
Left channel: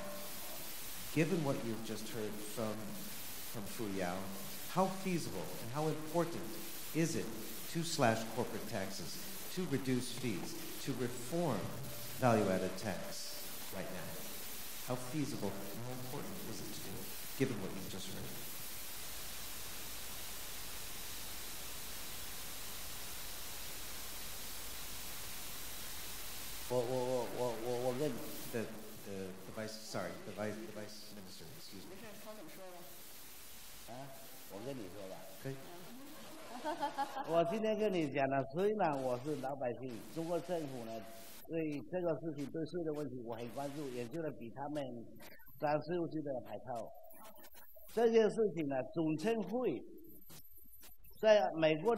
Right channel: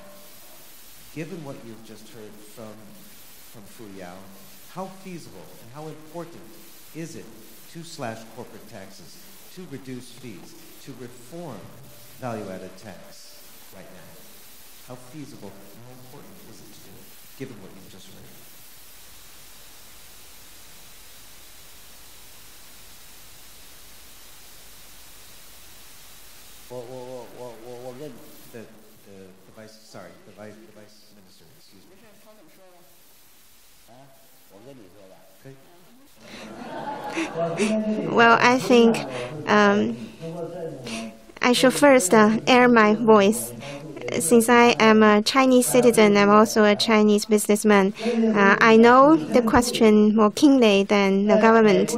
Given what you've just heard from Fu Yao, how feasible and how important is it to slash corporate taxes, to reduce fees, to reform value-added tax right now? How feasible and how important is it to do it, given what you've just heard? The vice minister, excuse me. Okay. Well, I think I should first air my voice. Since I am a Chinese citizen, I'm also a Chinese businessman. I know the question more keenly than the government.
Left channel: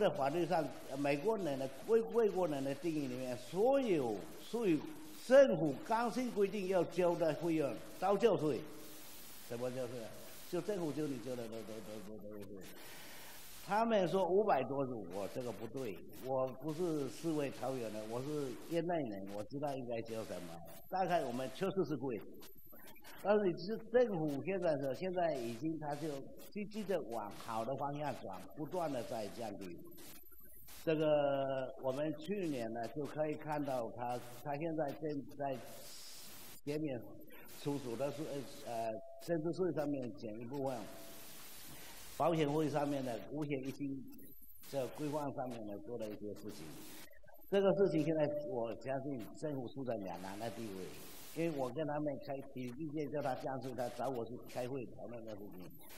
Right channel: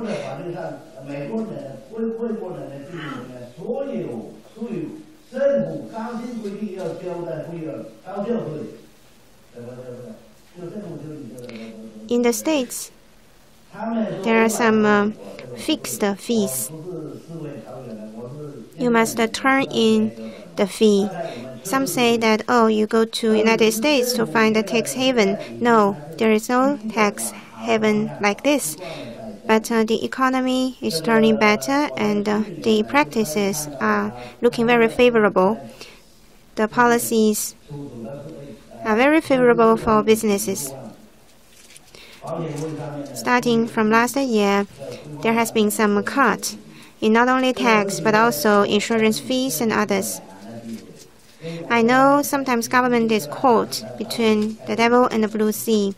In the States, there are some fixed fees. You must turn in the fee. Some say that, oh, you go to United States to find a tax haven. No, there is no tax haven like this. But the economy is turning better, and the practices are looking very favorable. The policies are very favorable for businesses. Starting from last year, there has been some cut in not only tax but also insurance fees and others. I know sometimes government is caught between the devil and the blue sea.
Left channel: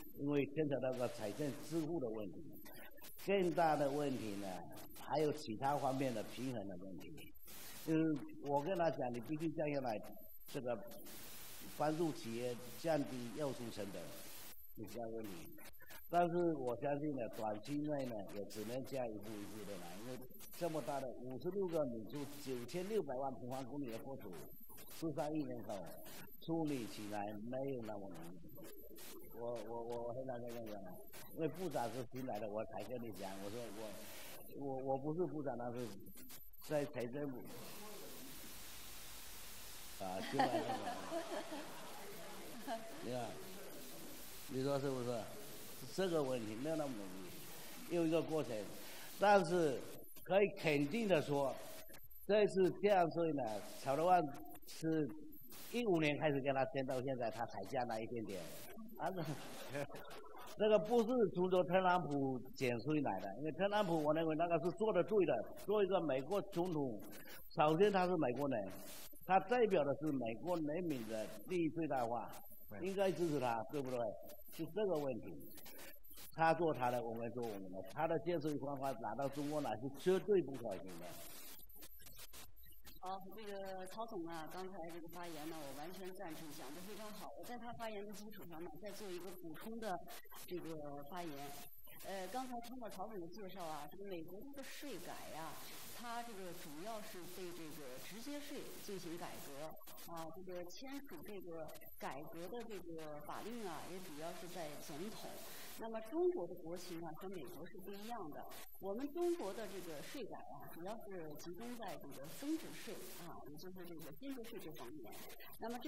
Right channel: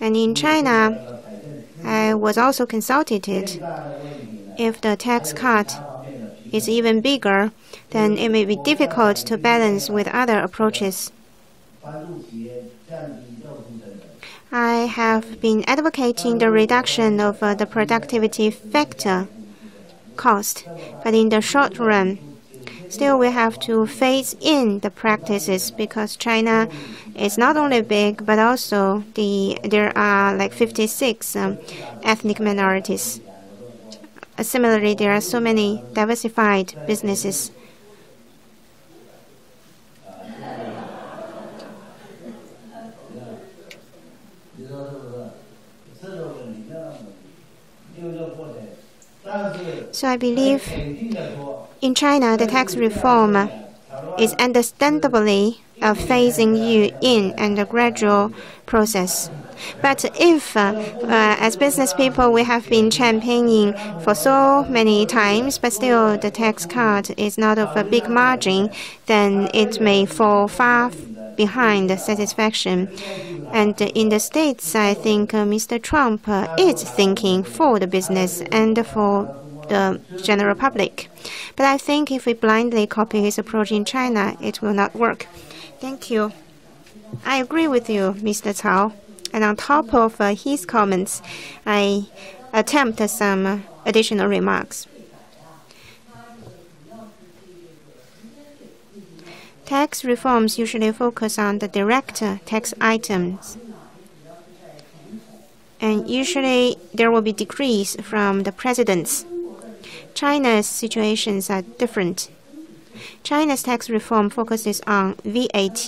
And in China, I was also consulted. If the tax cut is even bigger, then it may be difficult to balance with other approaches. I have been advocating the reduction of the productivity factor cost. But in the short run, still we have to phase in the practices because China is not only big, but also there are like 56 ethnic minorities. Similarly, there are so many diversified businesses. So I believe in China, the tax reform is understandably a phasing you in and a gradual process. But if, as business people, we have been championing for so many times, but still the tax cut is not of a big margin, then it may fall far behind satisfaction. And in the States, I think Mr. Trump is thinking for the business and for the general public. But I think if we blindly copy his approach in China, it will not work. Thank you. I agree with you, Mr. Cao. And on top of his comments, I attempt some additional remarks. Tax reforms usually focus on the direct tax items. And usually there will be decrees from the presidents. China's situations are different. China's tax reform focuses on VAT,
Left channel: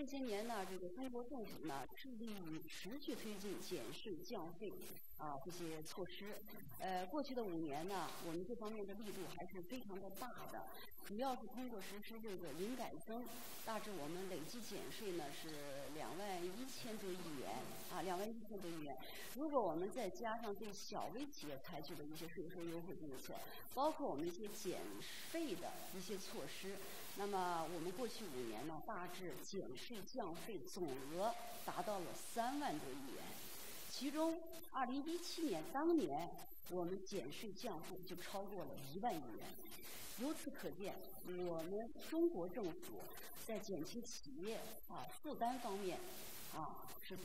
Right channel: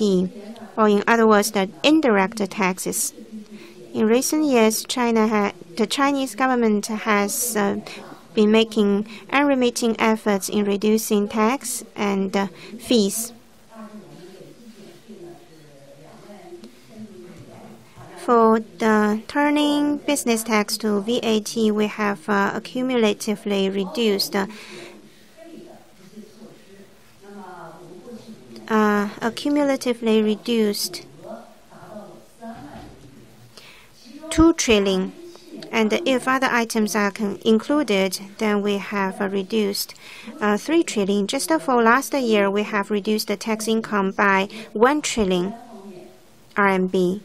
or in other words, the indirect taxes. In recent years, the Chinese government has been making unremitting efforts in reducing tax and fees. For the turning business tax to VAT, we have accumulatively reduced 2 trillion. And if other items are included, then we have reduced 3 trillion. Just for last year, we have reduced the tax income by 1 trillion RMB.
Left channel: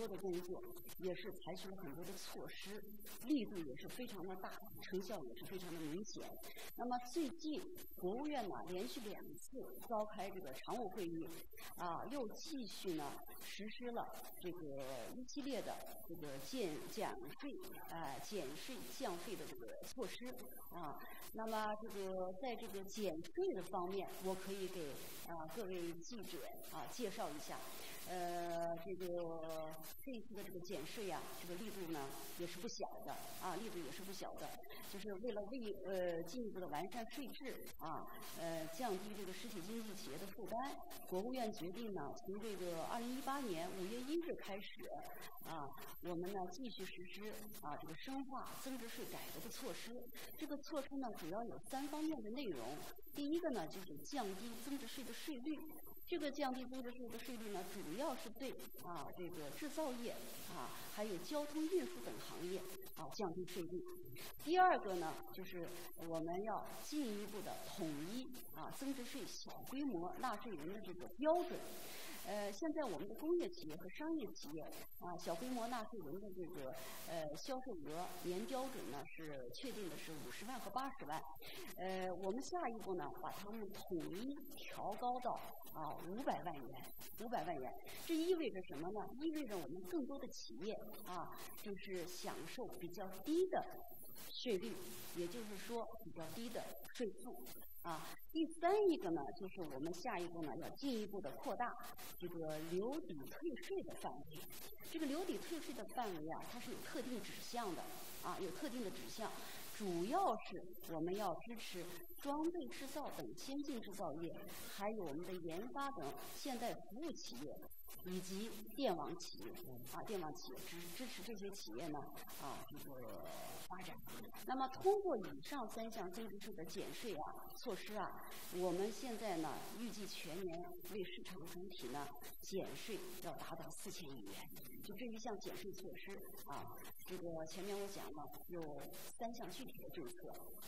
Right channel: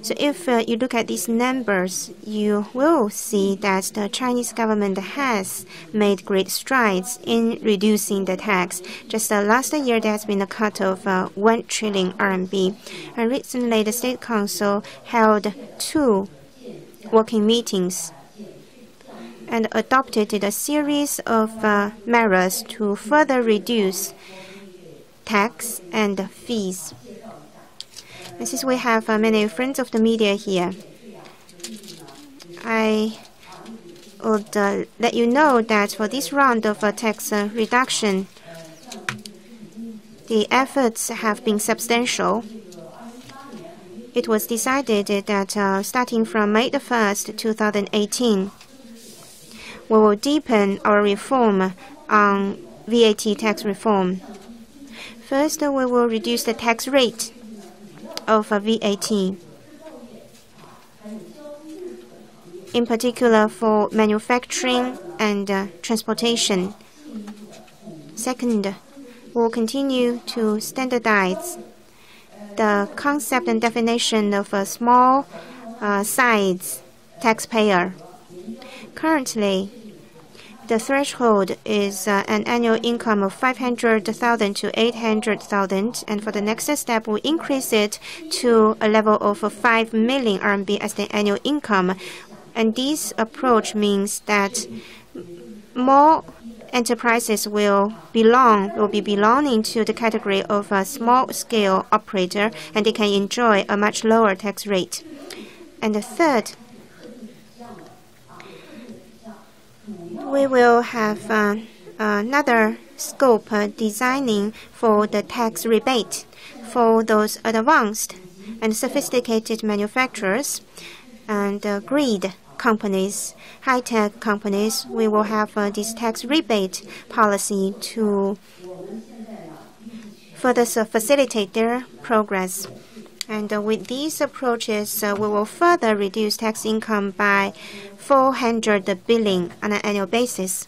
So if you look at these numbers, you will see that the Chinese government has made great strides in reducing the tax. Just last year, there has been a cut of 1 trillion RMB. And recently, the State Council held 2 working meetings and adopted a series of measures to further reduce tax and fees. Since we have many friends of the media here, I would let you know that for this round of tax reduction, the efforts have been substantial. It was decided that starting from May 1st, 2018, we will deepen our reform on VAT tax reform. First, we will reduce the tax rate of VAT, in particular for manufacturing and transportation. Second, we'll continue to standardize the concept and definition of a small size taxpayer. Currently, the threshold is an annual income of 500,000 to 800,000, and for the next step, we'll increase it to a level of 5 million RMB as the annual income. And this approach means that more enterprises will be belonging to the category of a small-scale operator, and they can enjoy a much lower tax rate. And the third, we will have another scope designing for the tax rebate for those advanced and sophisticated manufacturers and grid companies, high-tech companies. We will have this tax rebate policy to further facilitate their progress. And with these approaches, we will further reduce tax income by 400 billion on an annual basis.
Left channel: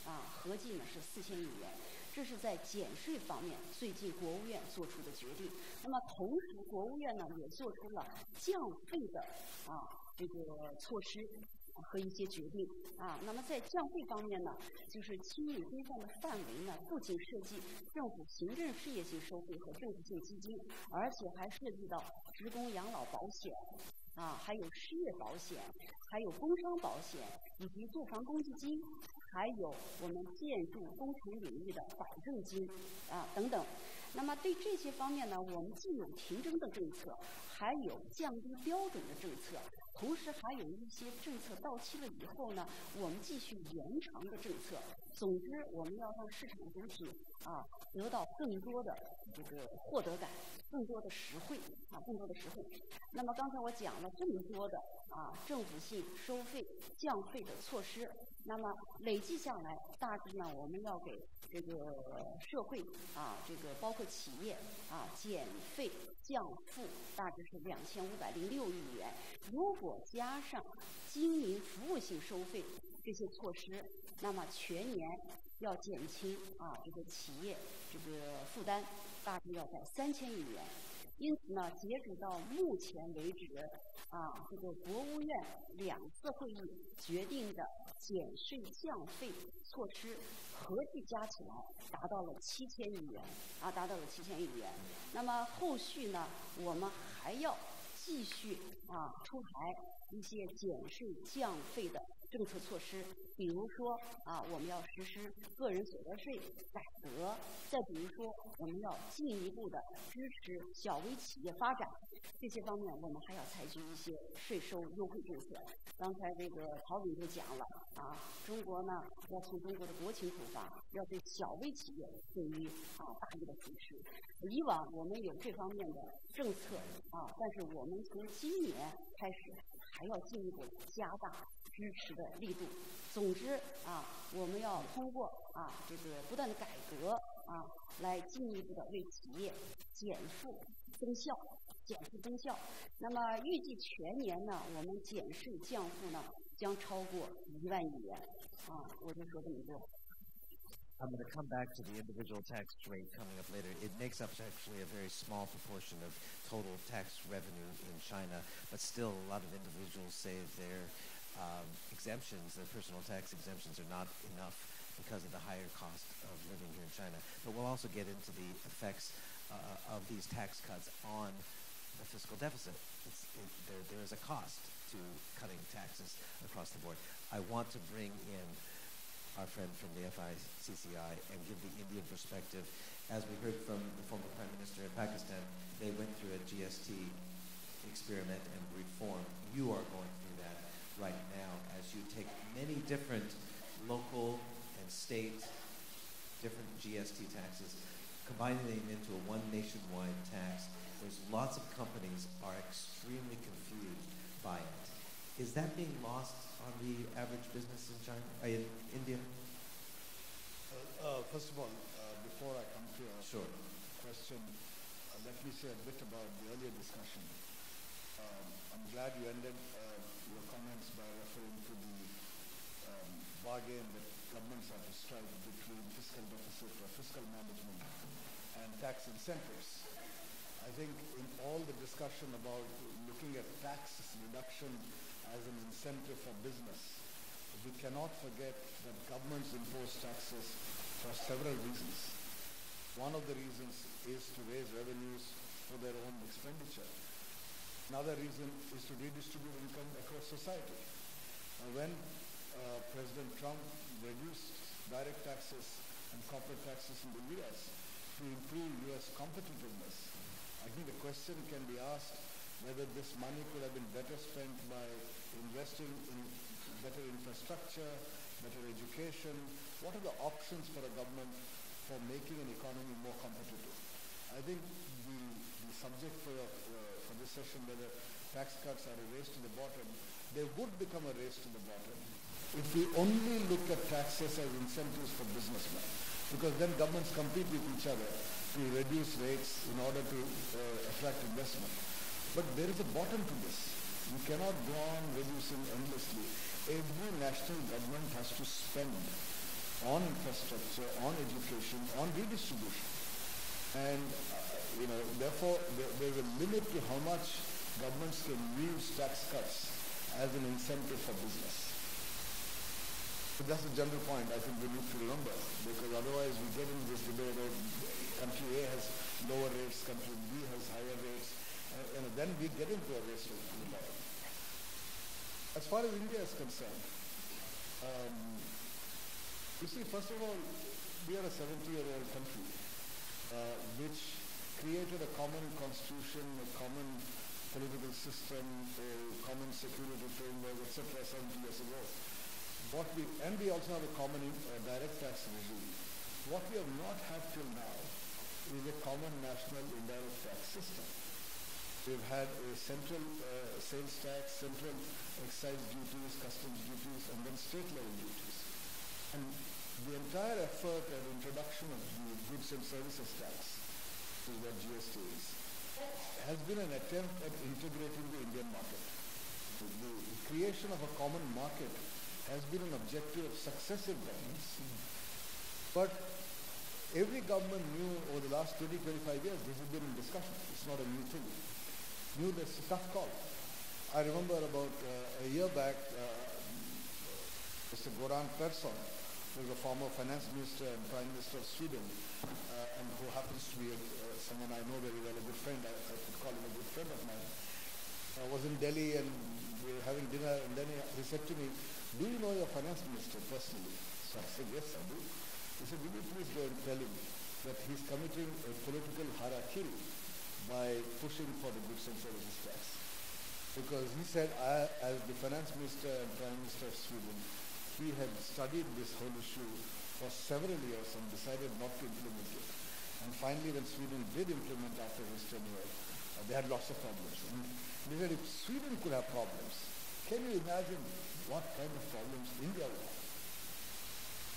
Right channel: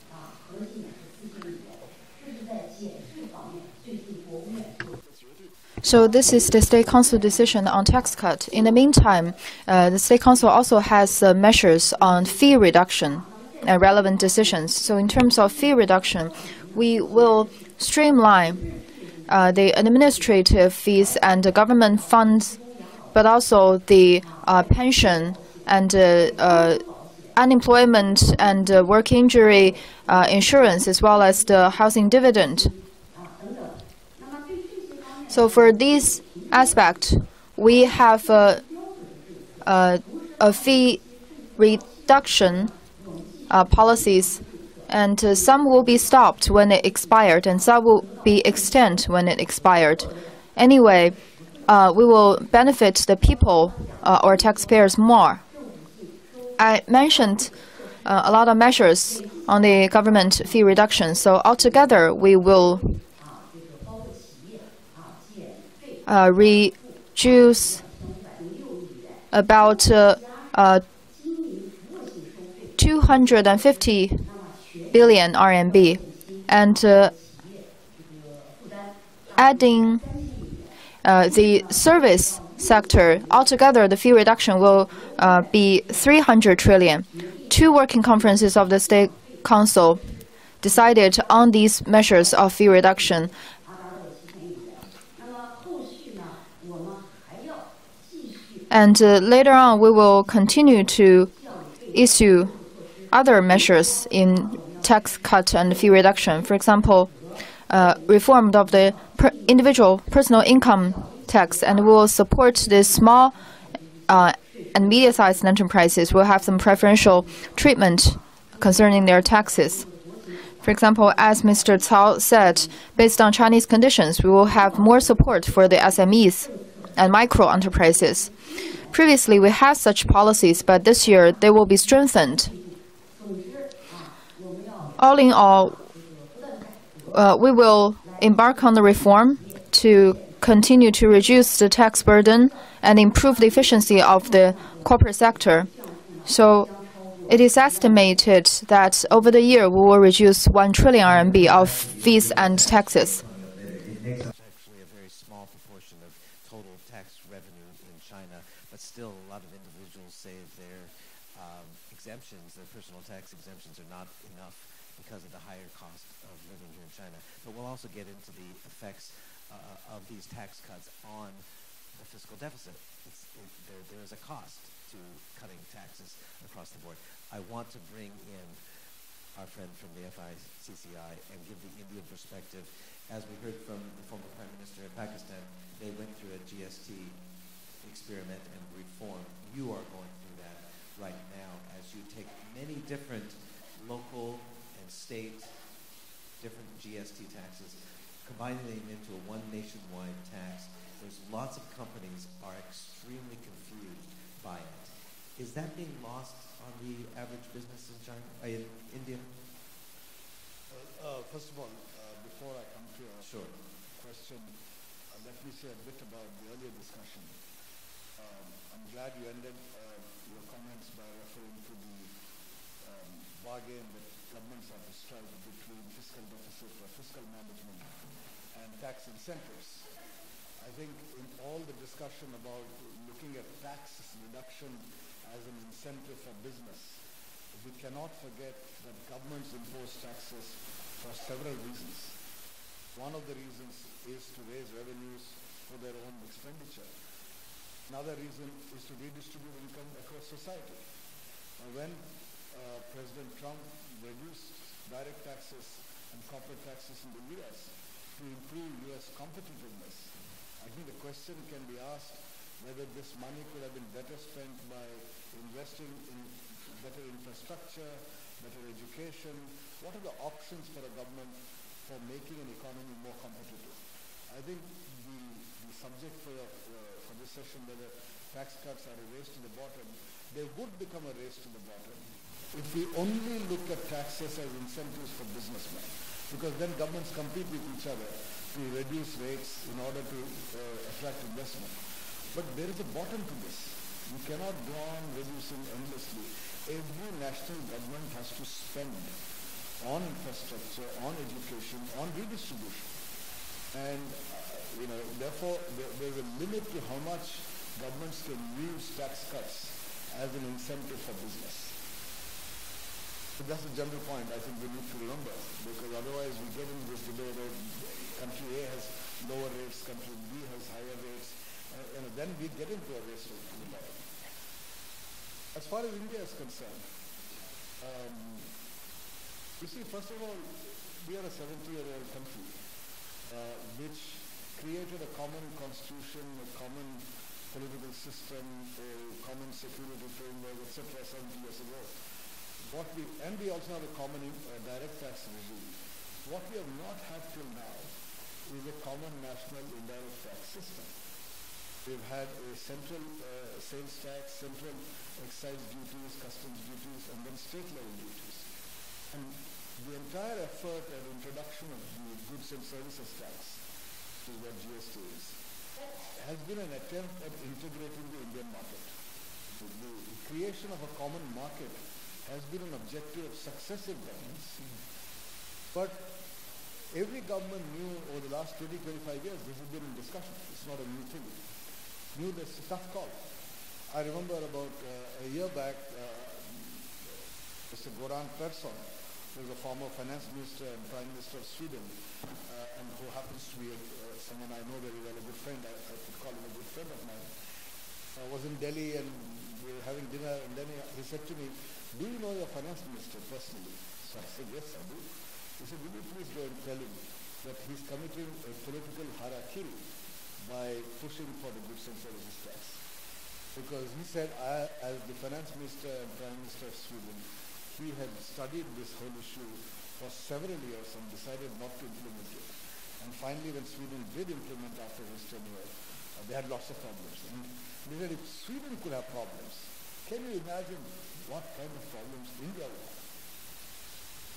So this is the State Council decision on tax cut. In the meantime, the State Council also has measures on fee reduction. relevant decisions. So in terms of fee reduction, we will streamline the administrative fees and the government funds, but also the pension and unemployment and work injury insurance, as well as the housing dividend. So for this aspect, we have a fee reduction policies, and some will be stopped when it expired, and some will be extended when it expired. Anyway, we will benefit the people or taxpayers more. I mentioned a lot of measures on the government fee reduction, so altogether we will reduce about 250 billion RMB, and adding the service sector, altogether the fee reduction will be 300 trillion. Two working conferences of the State Council decided on these measures of fee reduction. And later on, we will continue to issue other measures in tax cut and fee reduction. For example, reform of the individual personal income tax, and we will support the small and medium-sized enterprises. We'll have some preferential treatment concerning their taxes. For example, as Mr. Cao said, based on Chinese conditions, we will have more support for the SMEs and micro enterprises. Previously, we had such policies, but this year they will be strengthened. All in all, we will embark on the reform to continue to reduce the tax burden and improve the efficiency of the corporate sector. So it is estimated that over the year we will reduce 1 trillion RMB of fees and taxes. It's actually a very small proportion of total tax revenue in China, but still a lot of individuals say their exemptions, their personal tax exemptions, are not enough because of the higher cost of living here in China. But we'll also get into the effects of these tax cuts on the fiscal deficit. There is a cost to cutting taxes across the board. I want to bring in our friend from the FICCI and give the Indian perspective. As we heard from the former Prime Minister of Pakistan, they went through a GST experiment and reform. You are going through that right now as you take many different local and state, different GST taxes, combining them into a one nationwide tax. There's lots of companies are extremely confused by it. Is that being lost on the average business in China, in India? First of all, before I come to your question, let me say a bit about the earlier discussion. I'm glad you ended your comments by referring to the bargain that governments have to strike between fiscal deficit or fiscal management and tax incentives. I think in all the discussion about looking at tax reduction as an incentive for business, we cannot forget that governments impose taxes for several reasons. One of the reasons is to raise revenues for their own expenditure. Another reason is to redistribute income across society. When President Trump reduced direct taxes and corporate taxes in the US to improve US competitiveness, I think the question can be asked whether this money could have been better spent by investing in better infrastructure, better education. What are the options for a government for making an economy more competitive? I think the subject for this session, whether tax cuts are a race to the bottom, they would become a race to the bottom if we only look at taxes as incentives for businessmen, because then governments compete with each other to reduce rates in order to attract investment. But there is a bottom to this. You cannot go on reducing endlessly. Every national government has to spend on infrastructure, on education, on redistribution. And therefore, there is a limit to how much governments can use tax cuts as an incentive for business. So that's a general point I think we need to remember, because otherwise we get into this debate of country A has lower rates, country B has higher rates, and then we get into a race to the bottom. As far as India is concerned, you see, first of all, we are a 70-year-old country which created a common constitution, a common political system, a common security framework, etc. 70 years ago. And we also have a common direct tax regime. What we have not had till now is a common national indirect tax system. We've had a central sales tax, central excise duties, customs duties, and then state level duties. And the entire effort and introduction of the goods and services tax, which is what GST is, has been an attempt at integrating the Indian market. The creation of a common market has been an objective of successive governments. But every government knew over the last 20, 25 years this has been in discussion. It's not a new thing. Knew this a tough call. I remember about a year back, Mr. Goran Persson, who is a former finance minister and prime minister of Sweden, and who happens to be someone I know very well, a good friend, I could call him a good friend of mine, was in Delhi and we were having dinner, and then he said to me, "Do you know your finance minister personally?" So I said, "Yes, I do." He said, "Will you please go and tell him that he's committing a political harakiri by pushing for the goods and services tax?" Because he said, as the finance minister and prime minister of Sweden, he had studied this whole issue for several years and decided not to implement it. And finally, when Sweden did implement after his tenure, they had lots of problems. And they said, if Sweden could have problems, can you imagine what kind of problems India will have?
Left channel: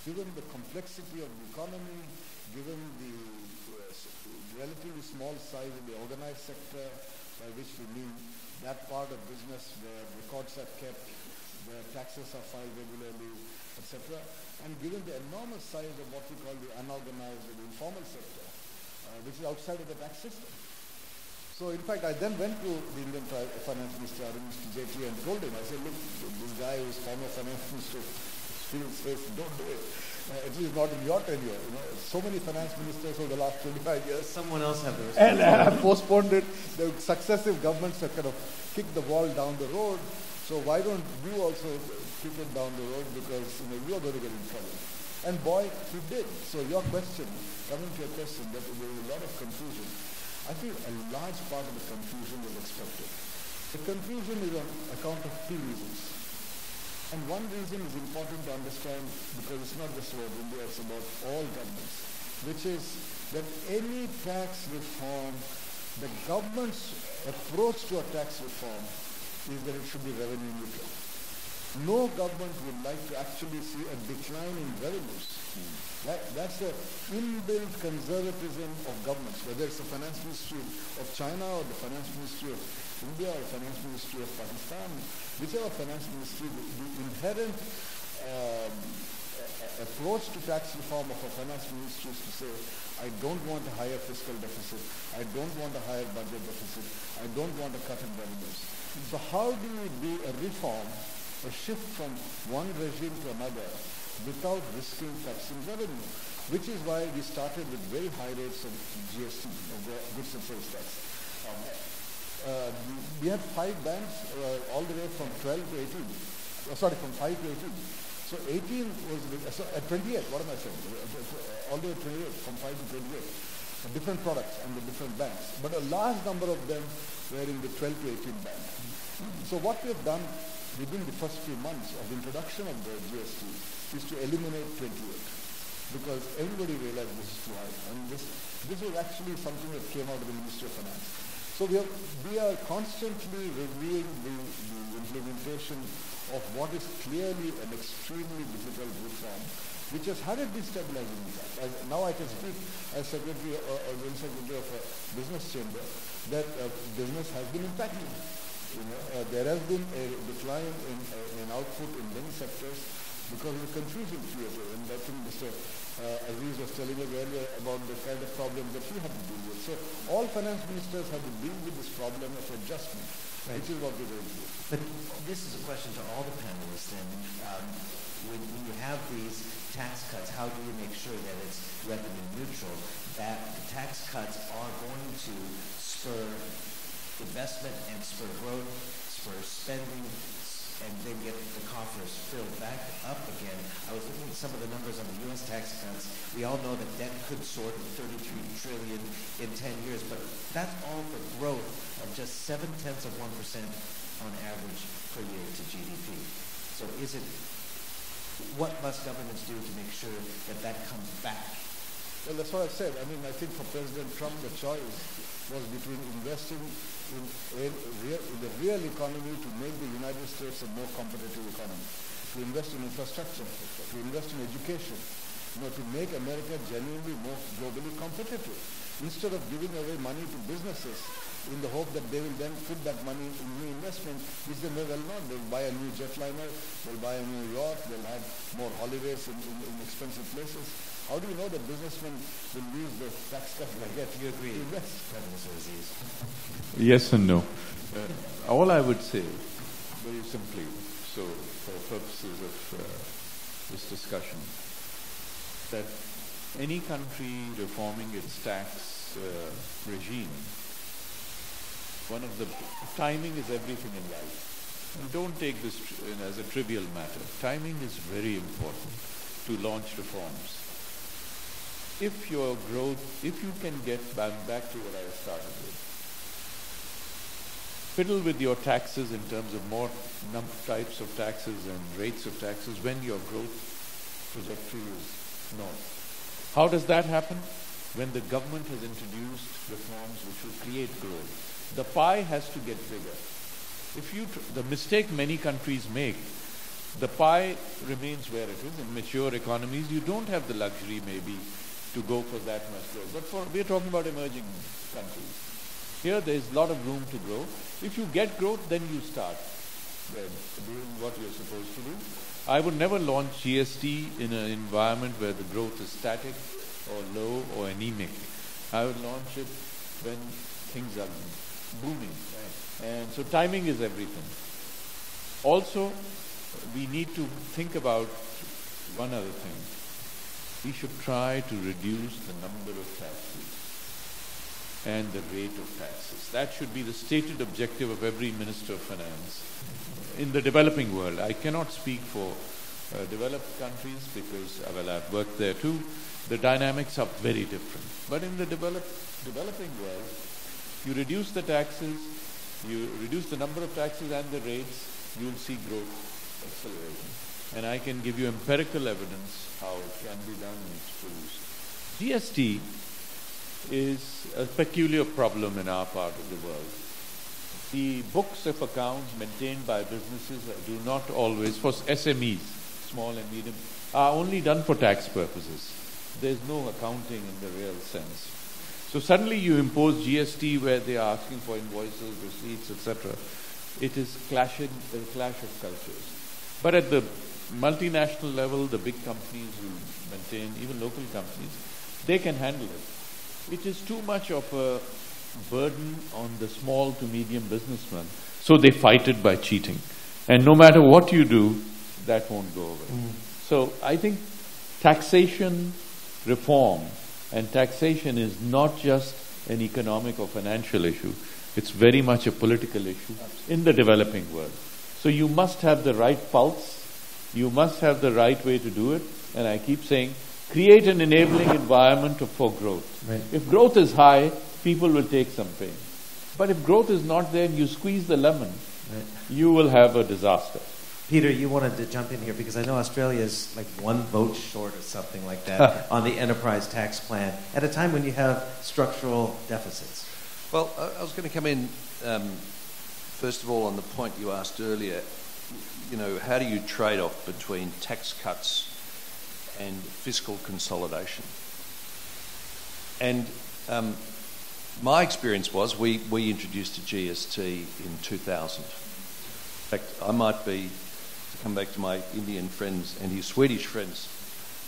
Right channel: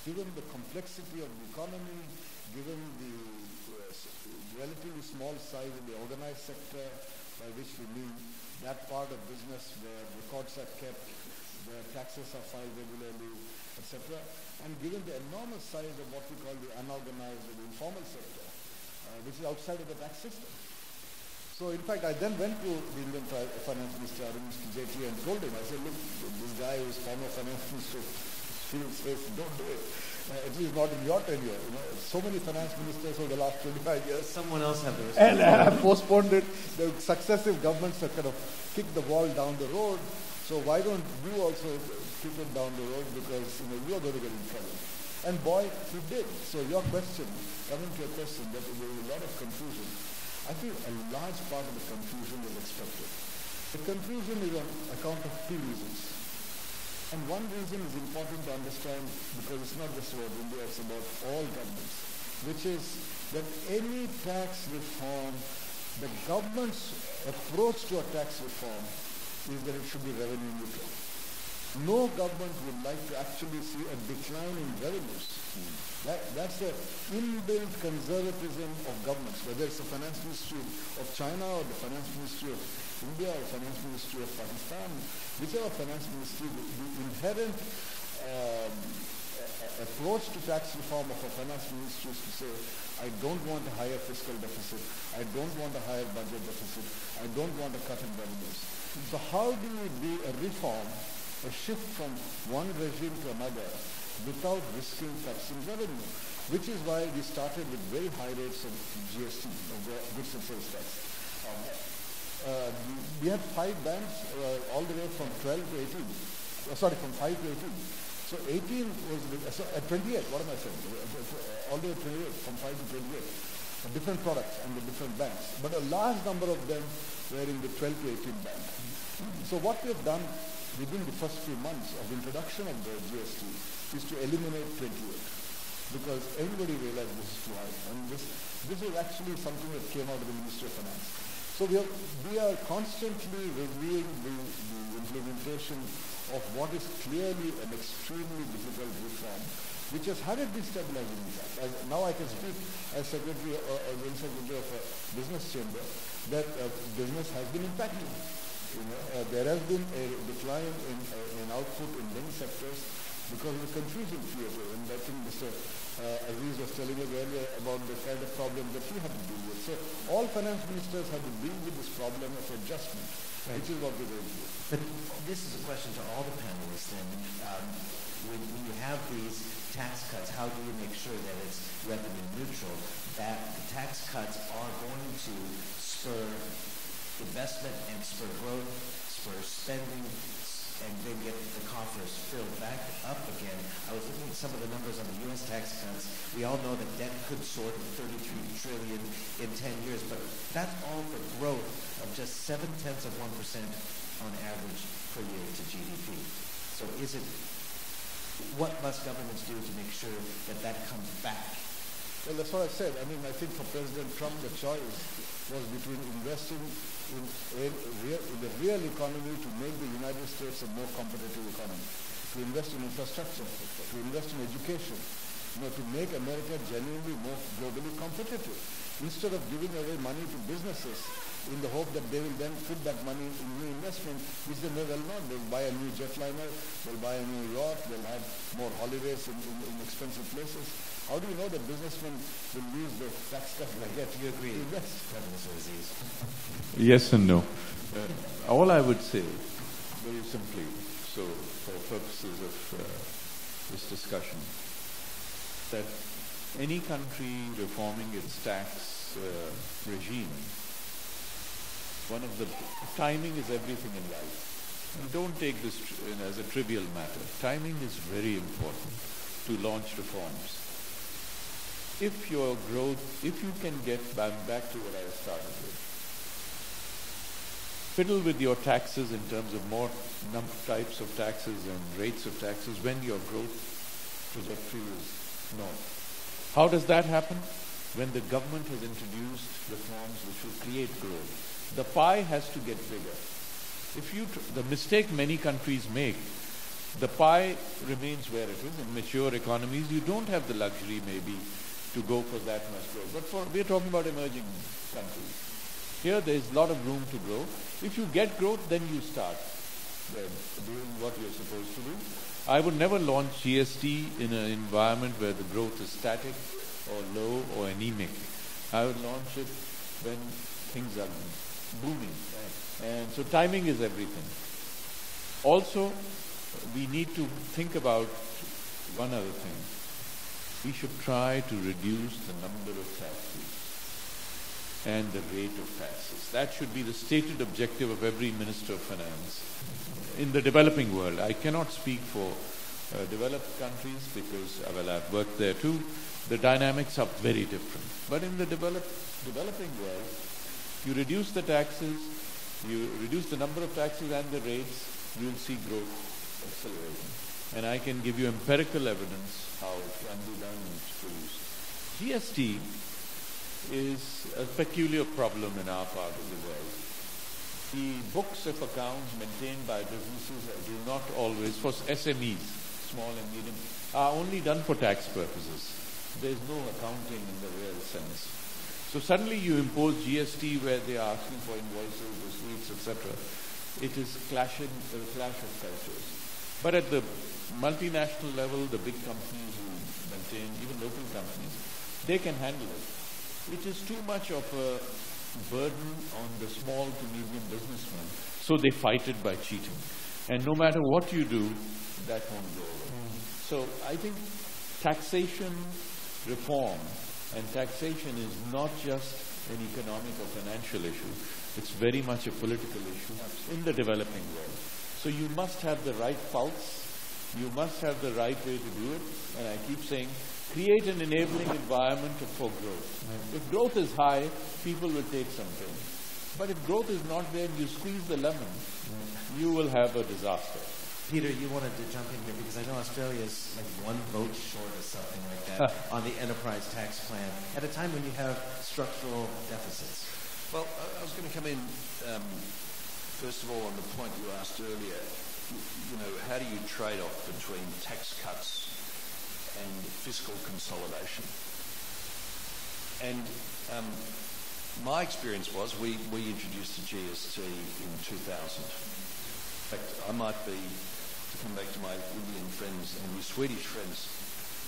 Given the complexity of the economy, given the relatively small size of the organized sector, by which we mean that part of business where records are kept, where taxes are filed regularly, etc., and given the enormous size of what we call the unorganized or the informal sector, which is outside of the tax system. So in fact, I then went to the Indian Finance Minister, Mr. Jaitley, and told him, I said, look, this guy who is former Finance Minister says, don't do it. At least not in your tenure. You know, so many finance ministers over the last 25 years. Someone else have the And postponed it. The successive governments have kind of kicked the ball down the road. So why don't you also kick it down the road, because you are going to get in trouble. And boy, he did. So your question, coming to your question, that there was a lot of confusion. I think a large part of the confusion was expected. The confusion is on account of two reasons. And one reason is important to understand, because it's not just about India, it's about all governments, which is that any tax reform, the government's approach to a tax reform is that it should be revenue neutral. No government would like to actually see a decline in revenues. That's the inbuilt conservatism of governments, whether it's the finance ministry of China or the finance ministry of India or the finance ministry of Pakistan, whichever finance ministry, the inherent approach to tax reform of a finance ministry is to say, I don't want a higher fiscal deficit, I don't want a higher budget deficit, I don't want a cut in revenues. So how do you do a reform, a shift from one regime to another without risking cuts in revenue? Which is why we started with very high rates of GST, of the goods and service tax. We had 5 bands all the way from 12 to 18. From 5 to 18. So 18 was, at 28, what am I saying? All the way to 28, from 5 to 28. Different products and the different bands. But a large number of them were in the 12 to 18 band. So what we have done within the first few months of introduction of the GST is to eliminate 28. Because everybody realized this is too high. And this was actually something that came out of the Ministry of Finance. So we are constantly reviewing the implementation of what is clearly an extremely difficult reform, which has had a destabilizing impact. Now I can speak as Secretary or Secretary of a business chamber that business has been impacted. There has been a decline in output in many sectors. because the confusion created, and I think Mr. Aziz was telling us earlier about the kind of problems that he had to deal with. So all finance ministers have to deal with this problem of adjustment, which is what we're going to do. But this is a question to all the panelists then. When you have these tax cuts, how do you make sure that it's revenue neutral, that the tax cuts are going to spur investment and spur growth, spur spending, and then get the coffers filled back up again? I was looking at some of the numbers on the U.S. tax cuts. We all know that debt could soar to $33 trillion in 10 years, but that's all for growth of just 0.7% on average per year to GDP. So what must governments do to make sure that that comes back? Well, that's what I said. I mean, I think for President Trump, the choice was between investing in the real economy to make the United States a more competitive economy, to invest in infrastructure, to invest in education, to make America genuinely more globally competitive, instead of giving away money to businesses in the hope that they will then put that money in new investment, which they may well not. They'll buy a new jetliner, they'll buy a new yacht, they'll have more holidays in expensive places. How do you know that businessmen will use the tax cut they get? Do you agree, to invest? President Aziz? Yes and no. All I would say, very simply, so for purposes of this discussion, that any country reforming its tax regime, one of the timing is everything in life. And don't take this as a trivial matter. Timing is very important to launch reforms. If your growth, if you can get back to what I started with, fiddle with your taxes in terms of more types of taxes and rates of taxes when your growth trajectory is north. How does that happen? When the government has introduced reforms which will create growth. The pie has to get bigger. The mistake many countries make, the pie remains where it is. In mature economies, you don't have the luxury maybe to go for that much growth. But we're talking about emerging countries. Here there's a lot of room to grow. If you get growth, then you start doing what you're supposed to do. I would never launch GST in an environment where the growth is static or low or anemic. I would launch it when things are booming. Right. And so timing is everything. Also, we need to think about one other thing. We should try to reduce the number of taxes and the rate of taxes. That should be the stated objective of every Minister of Finance in the developing world. I cannot speak for developed countries because, I've worked there too. The dynamics are very different. But in the developing world, you reduce the taxes, you reduce the number of taxes and the rates, you will see growth accelerating. And I can give you empirical evidence how it can be done and it's produced. GST is a peculiar problem in our part of the world. The books of accounts maintained by businesses do not always, for SMEs, small and medium, are only done for tax purposes. There's no accounting in the real sense. So suddenly you impose GST where they are asking for invoices, receipts, etc. It is a clash of cultures. But at the multinational level, the big companies who maintain, even local companies, they can handle it. It is too much of a burden on the small to medium businessman, so they fight it by cheating. And no matter what you do, that won't go away. So I think taxation reform, and taxation is not just an economic or financial issue, it's very much a political issue in the developing world. So you must have the right pulse, you must have the right way to do it, and I keep saying, create an enabling environment for growth. Right. If growth is high, people will take some pain. But if growth is not there and you squeeze the lemon, you will have a disaster. Peter, you wanted to jump in here because I know Australia is like one vote short or something like that on the enterprise tax plan at a time when you have structural deficits. Well, I was going to come in, first of all, on the point you asked earlier. You know, how do you trade off between tax cuts and fiscal consolidation? And my experience was we introduced a GST in 2000. In fact, I might be to come back to my Indian friends and his Swedish friends,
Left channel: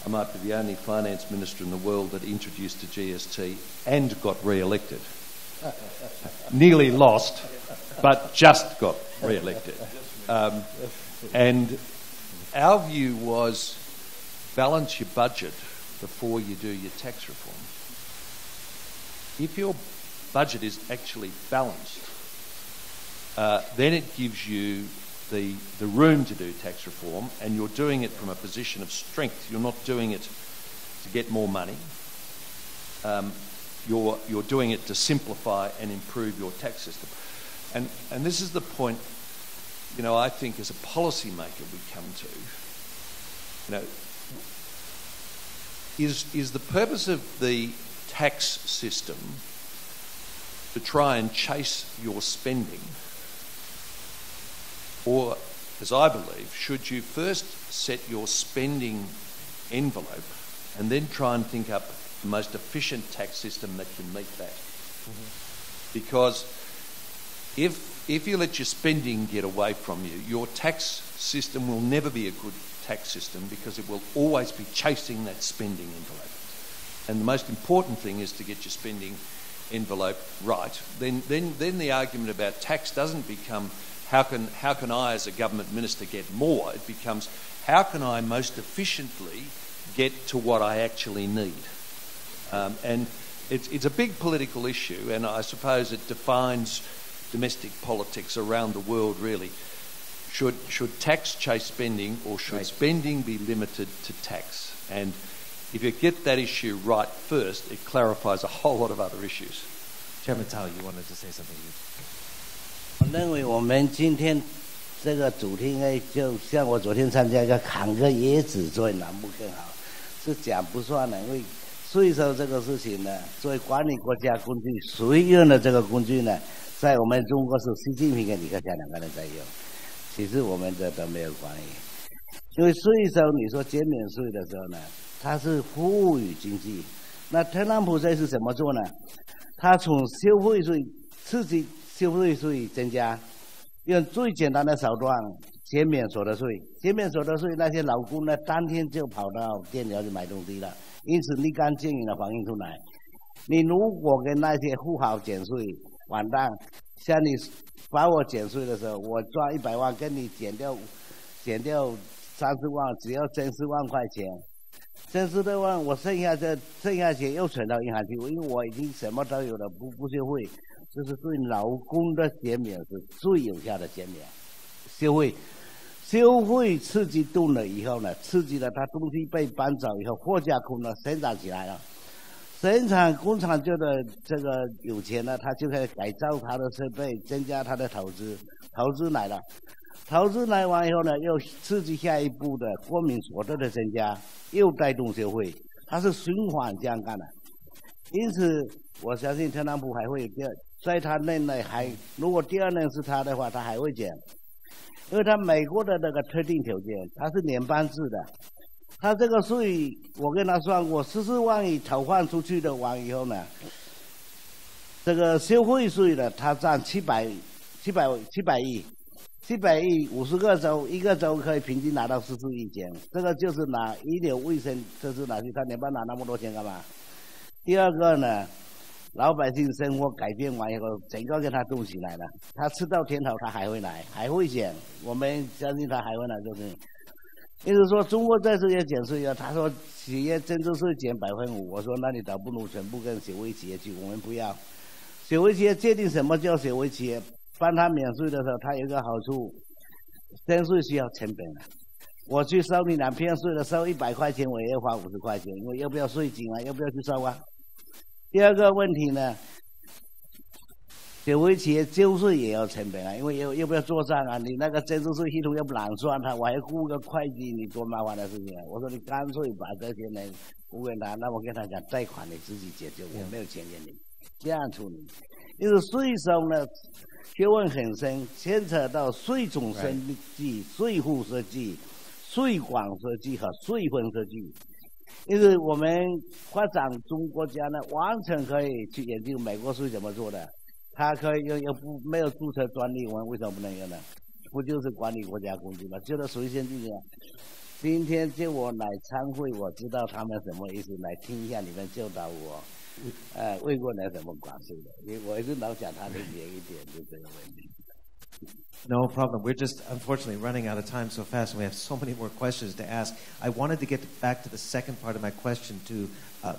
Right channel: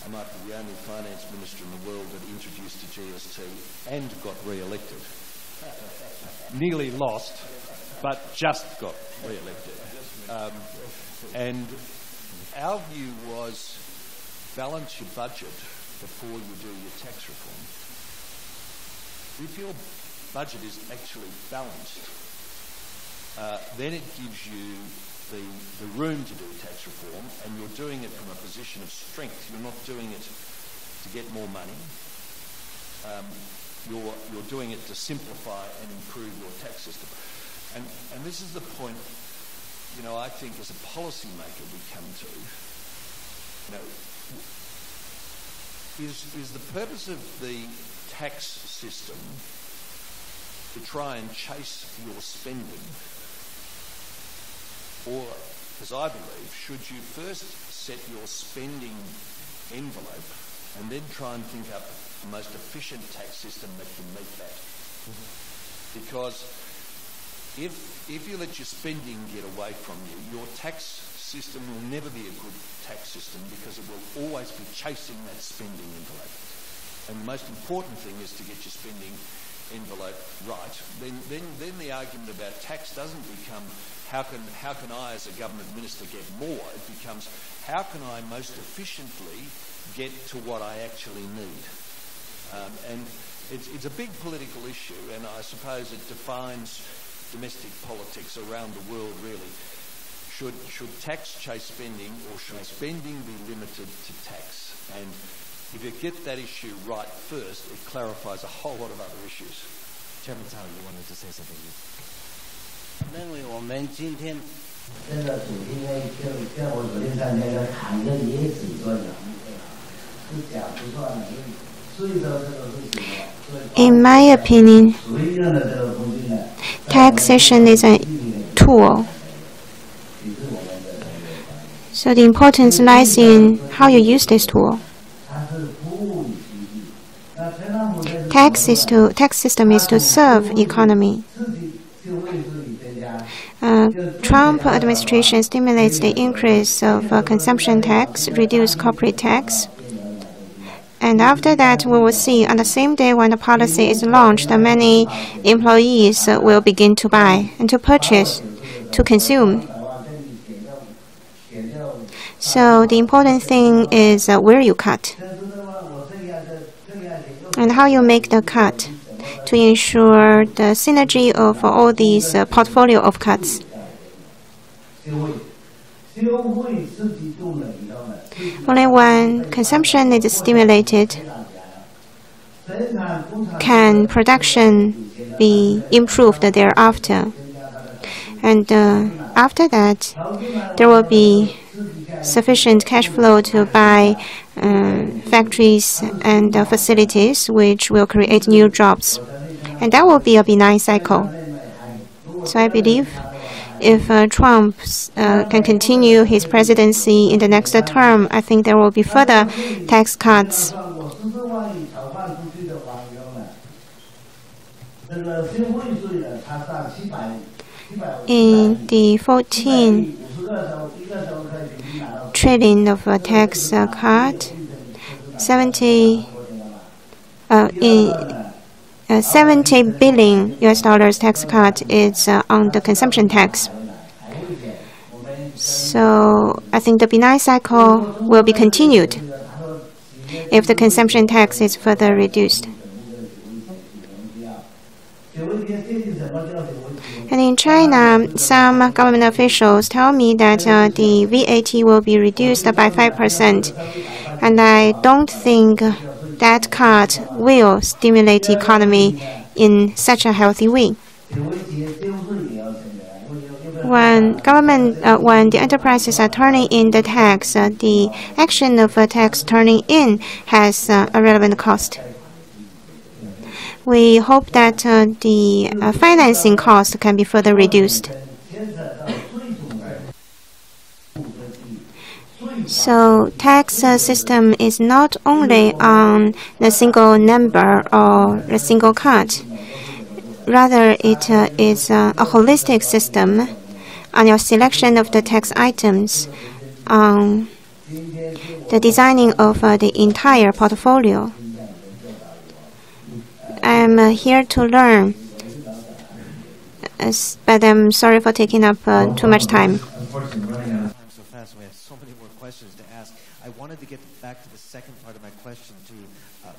I might be the only finance minister in the world that introduced the GST and got re-elected. Nearly lost, but just got re-elected. And our view was balance your budget before you do your tax reform. If your budget is actually balanced, then it gives you the room to do tax reform, and you're doing it from a position of strength. You're not doing it to get more money. You're doing it to simplify and improve your tax system. And this is the point, you know, I think as a policymaker we come to, you know, is the purpose of the tax system to try and chase your spending? Or, as I believe, should you first set your spending envelope and then try and think up the most efficient tax system that can meet that? Because if you let your spending get away from you, your tax system will never be a good tax system because it will always be chasing that spending envelope. And the most important thing is to get your spending envelope right. Then the argument about tax doesn't become how can I as a government minister get more? It becomes how can I most efficiently get to what I actually need? And it's a big political issue, and I suppose it defines domestic politics around the world really. Should tax chase spending, or should spending be limited to tax? And if you get that issue right first, it clarifies a whole lot of other issues. Chairman Tao, you wanted to say something? 我认为我们今天这个主题呢，就像我昨天参加要砍个椰子做南部课啊，是假不算的，因为税收这个事情呢，作为 In my opinion, 属于用的这个工具呢 taxation is a tool. 其实我们这没有关系。 So the importance lies in how you use this tool. 它是服务于经济。那特朗普这次 tax system is to serve economy. 刺激消费税增加。 Trump administration stimulates the increase of consumption tax, reduce corporate tax. And after that, we will see on the same day when the policy is launched, many employees will begin to buy and to purchase, to consume. So the important thing is where you cut and how you make the cut to ensure the synergy of all these portfolio of cuts. Only when consumption is stimulated can production be improved thereafter. And after that, there will be sufficient cash flow to buy factories and facilities which will create new jobs. And that will be a benign cycle. So I believe if Trump can continue his presidency in the next term, I think there will be further tax cuts. In the 14 trillion of tax cut, 70 billion US dollars tax cut is on the consumption tax. So I think the benign cycle will be continued if the consumption tax is further reduced. And in China, some government officials tell me that the VAT will be reduced by 5%. And I don't think that cut will stimulate the economy in such a healthy way. When the enterprises are turning in the tax, the action of a tax turning in has a relevant cost. We hope that the financing cost can be further reduced. So tax system is not only on the single number or the single cut. Rather, it is a holistic system on your selection of the tax items on the designing of the entire portfolio. I'm here to learn, but I'm sorry for taking up too much time. Unfortunately, running out of time so fast, and we have so many more questions to ask. I wanted to get back to the second part of my question to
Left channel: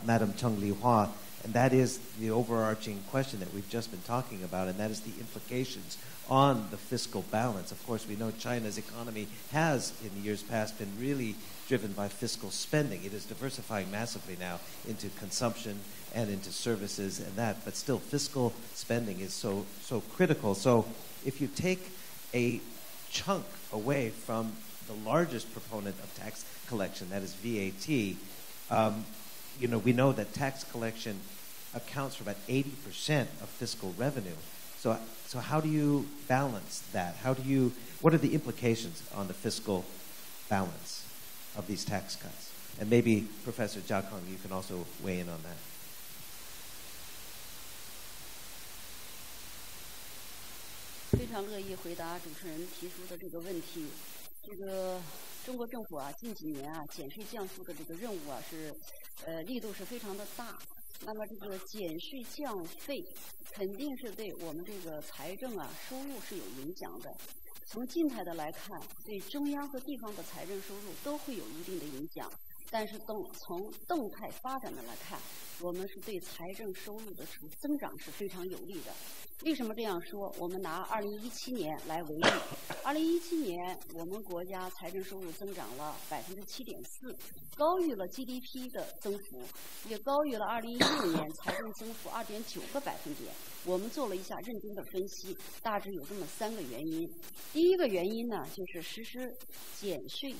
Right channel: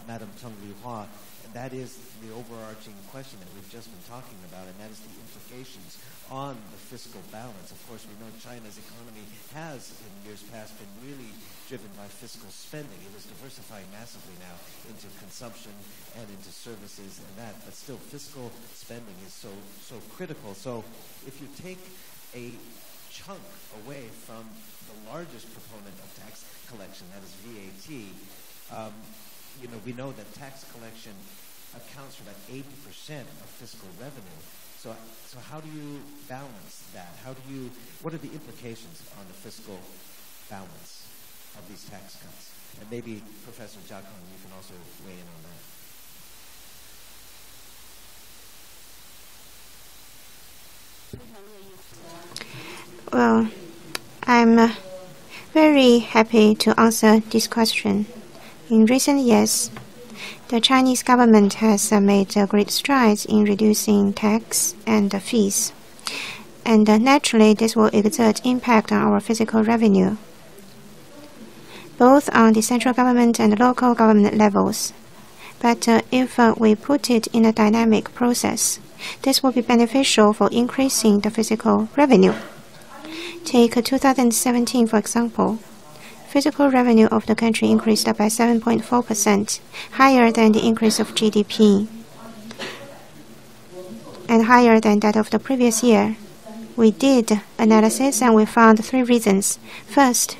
Madam Cheng Li-Hua, and that is the overarching question that we've just been talking about, and that is the implications on the fiscal balance. Of course, we know China's economy has, in years past, been really driven by fiscal spending. It is diversifying massively now into consumption and into services and that, but still fiscal spending is so critical. So if you take a chunk away from the largest proponent of tax collection, that is VAT, we know that tax collection accounts for about 80% of fiscal revenue. So how do you balance that? What are the implications on the fiscal balance of these tax cuts? And maybe Professor Jia Kong, you can also weigh in on that. Well, I'm very happy to answer this question. In recent years, the Chinese government has made great strides in reducing tax and fees. And naturally, this will exert impact on our fiscal revenue, both on the central government and local government levels. But if we put it in a dynamic process, this will be beneficial for increasing the fiscal revenue. Take 2017, for example. Fiscal revenue of the country increased by 7.4%, higher than the increase of GDP, and higher than that of the previous year. We did analysis and we found three reasons. First,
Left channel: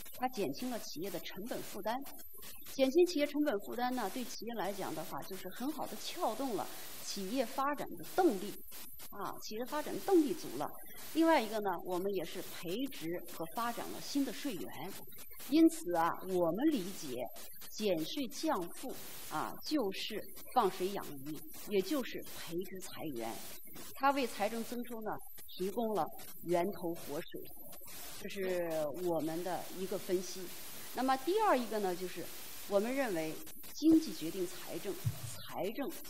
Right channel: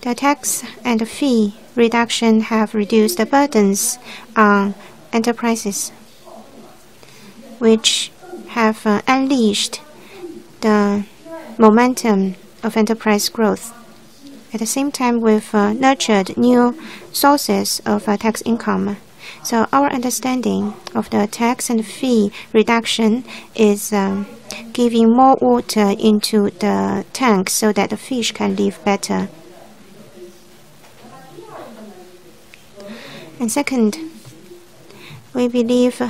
the tax and fee reduction have reduced the burdens on enterprises, which have unleashed the momentum of enterprise growth. At the same time, we've nurtured new sources of tax income. So our understanding of the tax and fee reduction is giving more water into the tank so that the fish can live better. And second, we believe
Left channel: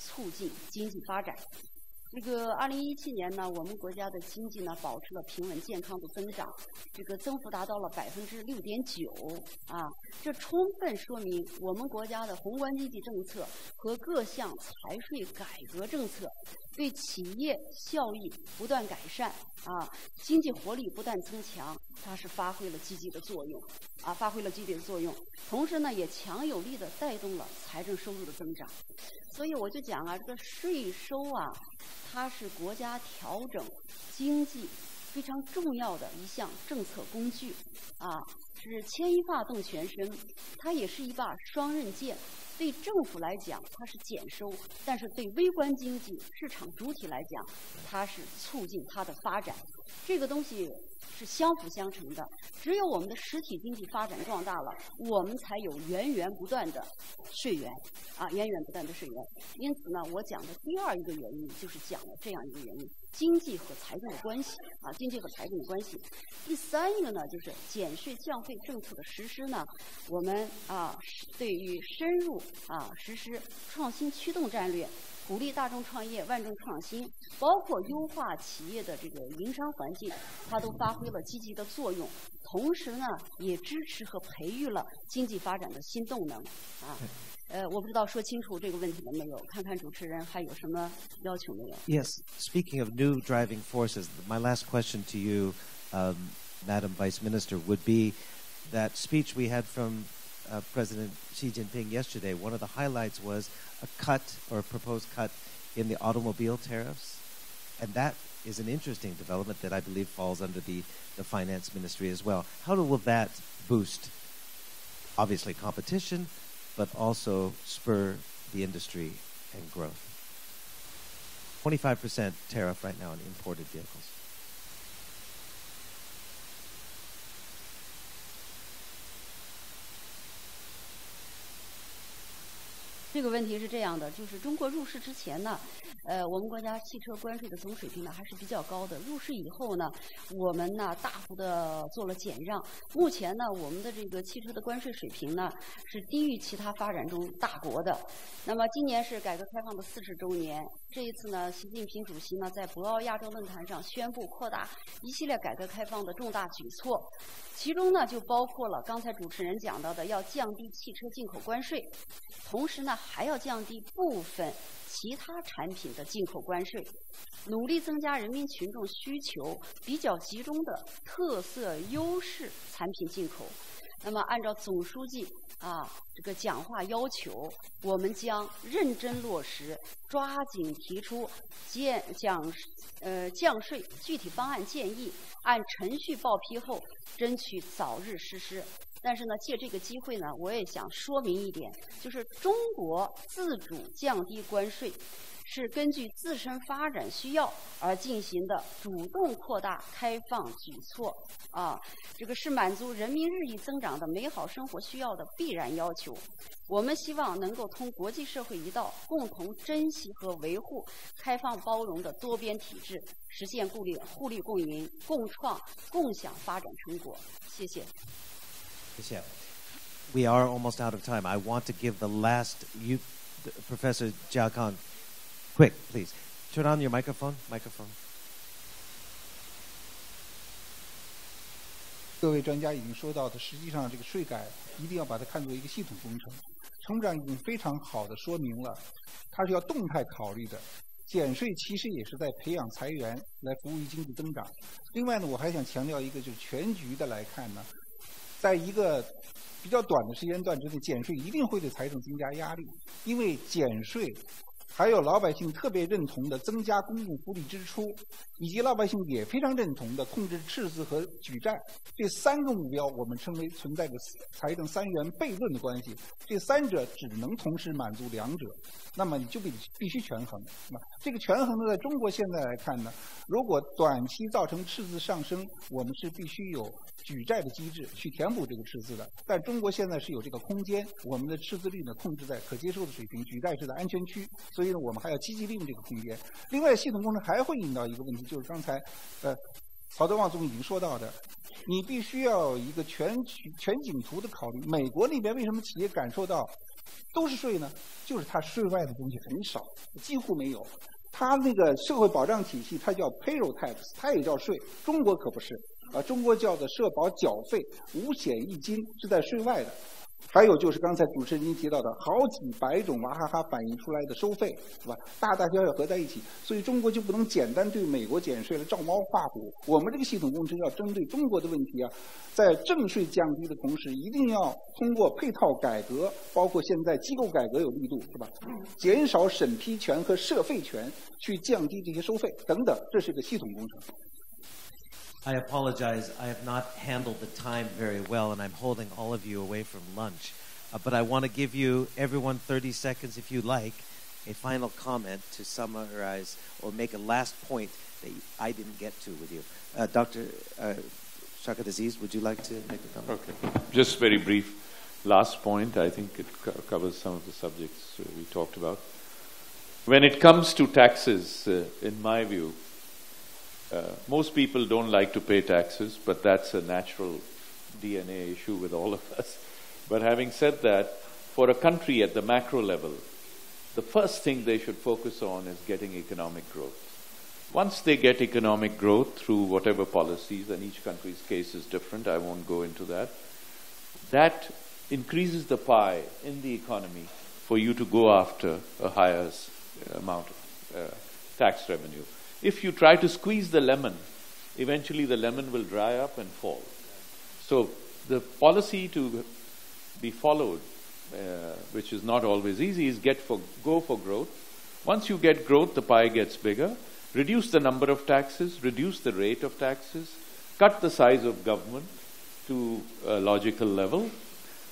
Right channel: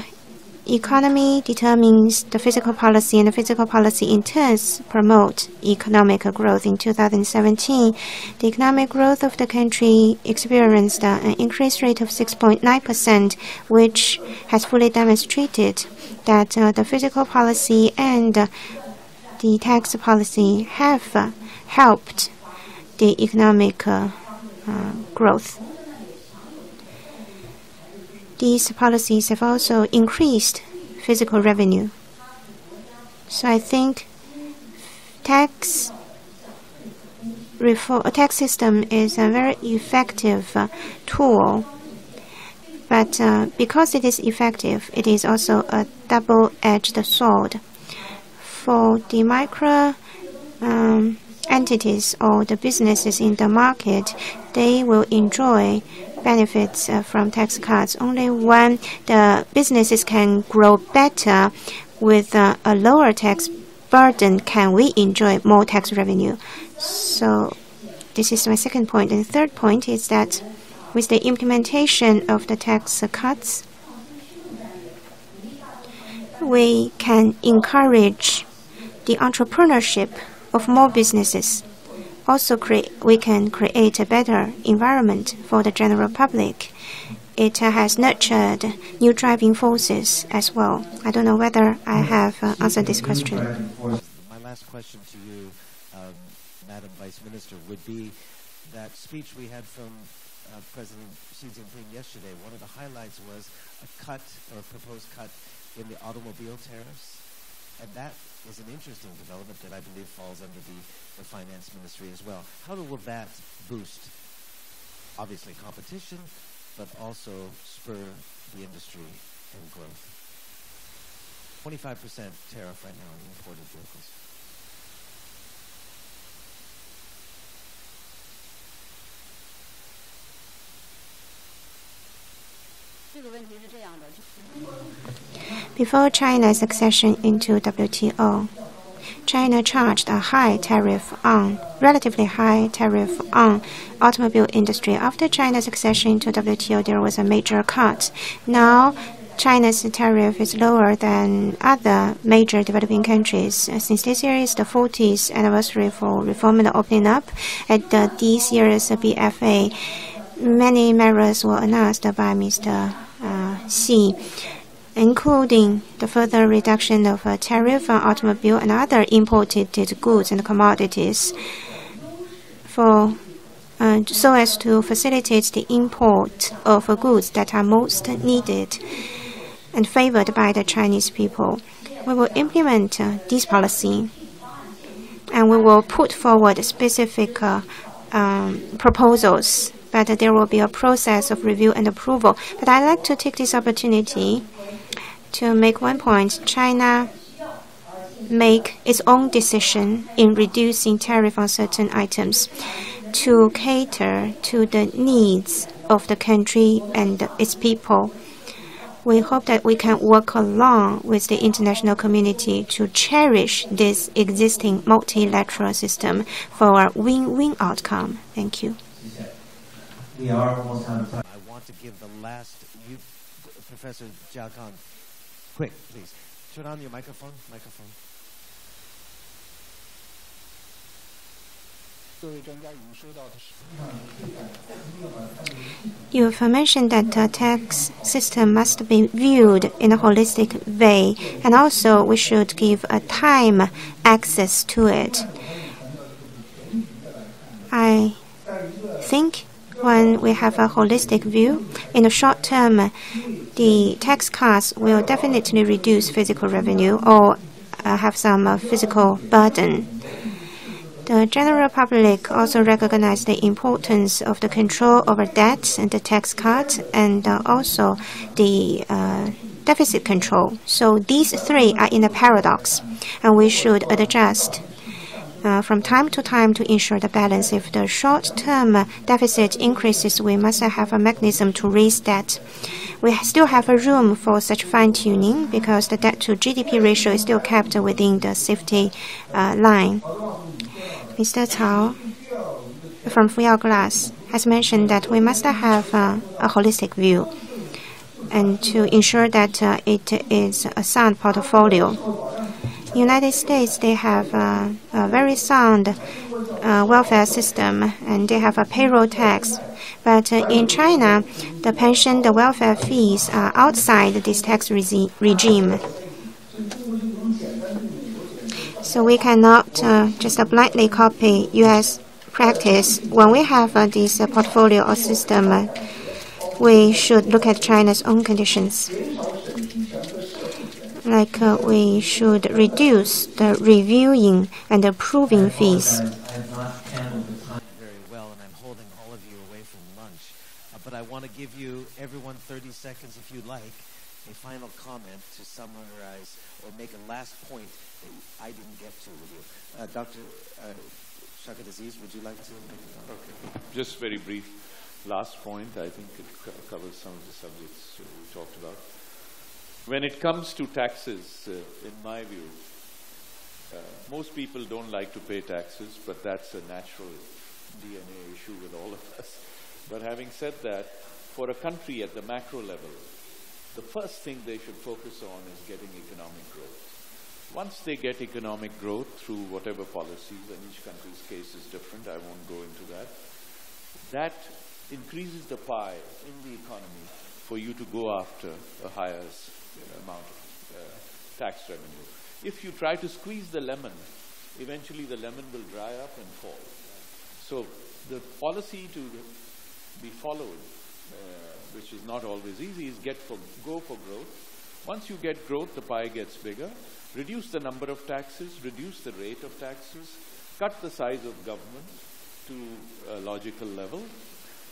economy determines the fiscal policy, and the fiscal policy in turn promote economic growth. In 2017, the economic growth of the country experienced an increase rate of 6.9%, which has fully demonstrated that the fiscal policy and the tax policy have helped the economic growth. These policies have also increased fiscal revenue. So I think tax system is a very effective tool. But because it is effective, it is also a double-edged sword. For the micro entities or the businesses in the market, they will enjoy benefits from tax cuts only when the businesses can grow better with a lower tax burden can we enjoy more tax revenue. So this is my second point. And the third point is that with the implementation of the tax cuts, we can encourage the entrepreneurship of more businesses. Also, we can create a better environment for the general public. It has nurtured new driving forces as well. I don't know whether I have answered this question. My last question to you, Madam Vice Minister, would be that speech we had from President Xi Jinping yesterday. One of the highlights was a cut or a proposed cut in the automobile tariffs, and that is an interesting development that I believe falls under the finance ministry as well. How will that boost, obviously, competition, but also spur the industry and growth? 25% tariff right now on imported vehicles. Before China's accession into WTO, China charged a relatively high tariff on automobile industry. After China's accession to WTO, there was a major cut. Now, China's tariff is lower than other major developing countries. Since this year is the 40th anniversary for reform and opening up, at this year's BFA, many measures were announced by Mr. Xi, including the further reduction of tariff on automobile and other imported goods and commodities so as to facilitate the import of goods that are most needed and favored by the Chinese people. We will implement this policy, and we will put forward specific proposals, but there will be a process of review and approval. But I'd like to take this opportunity to make one point. China make its own decision in reducing tariff on certain items to cater to the needs of the country and its people. We hope that we can work along with the international community to cherish this existing multilateral system for a win-win outcome. Thank you. We are almost out of time. I want to give the last, Professor Jiao Kang, quick, please. Turn on your microphone. You have mentioned that the tax system must be viewed in a holistic way, and also we should give a time access to it. I think when we have a holistic view, in the short term, the tax cuts will definitely reduce physical revenue or have some physical burden. The general public also recognize the importance of the control over debt and the tax cut, and also the deficit control. So these three are in a paradox, and we should adjust from time to time to ensure the balance. If the short-term deficit increases, we must have a mechanism to raise debt. We still have a room for such fine-tuning because the debt-to-GDP ratio is still kept within the safety line. Mr. Cao from Fuyao Glass has mentioned that we must have a holistic view and to ensure that it is a sound portfolio. United States, they have a very sound welfare system, and they have a payroll tax. But in China, the pension, the welfare fees are outside this tax regime. So we cannot just blindly copy U.S. practice. When we have this portfolio or system, we should look at China's own conditions. Like we should reduce the reviewing and approving fees. I have not handled the time very well, and I'm holding all of you away from lunch. But I want to give you, everyone, 30 seconds, if you like, a final comment to summarize or make a last point that I didn't get to with you. Dr. Shakataziz, would you like to make a comment? Okay. Just very brief. Last point, I think it covers some of the subjects we talked about. When it comes to taxes, in my view, most people don't like to pay taxes, but that's a natural DNA issue with all of us. But having said that, for a country at the macro level, the first thing they should focus on is getting economic growth. Once they get economic growth through whatever policies, and each country's case is different, I won't go into that, that increases the pie in the economy for you to go after a higher amount of tax revenue. If you try to squeeze the lemon, eventually the lemon will dry up and fall. So the policy to be followed, which is not always easy, is go for growth. Once you get growth, the pie gets bigger. Reduce the number of taxes, reduce the rate of taxes, cut the size of government to a logical level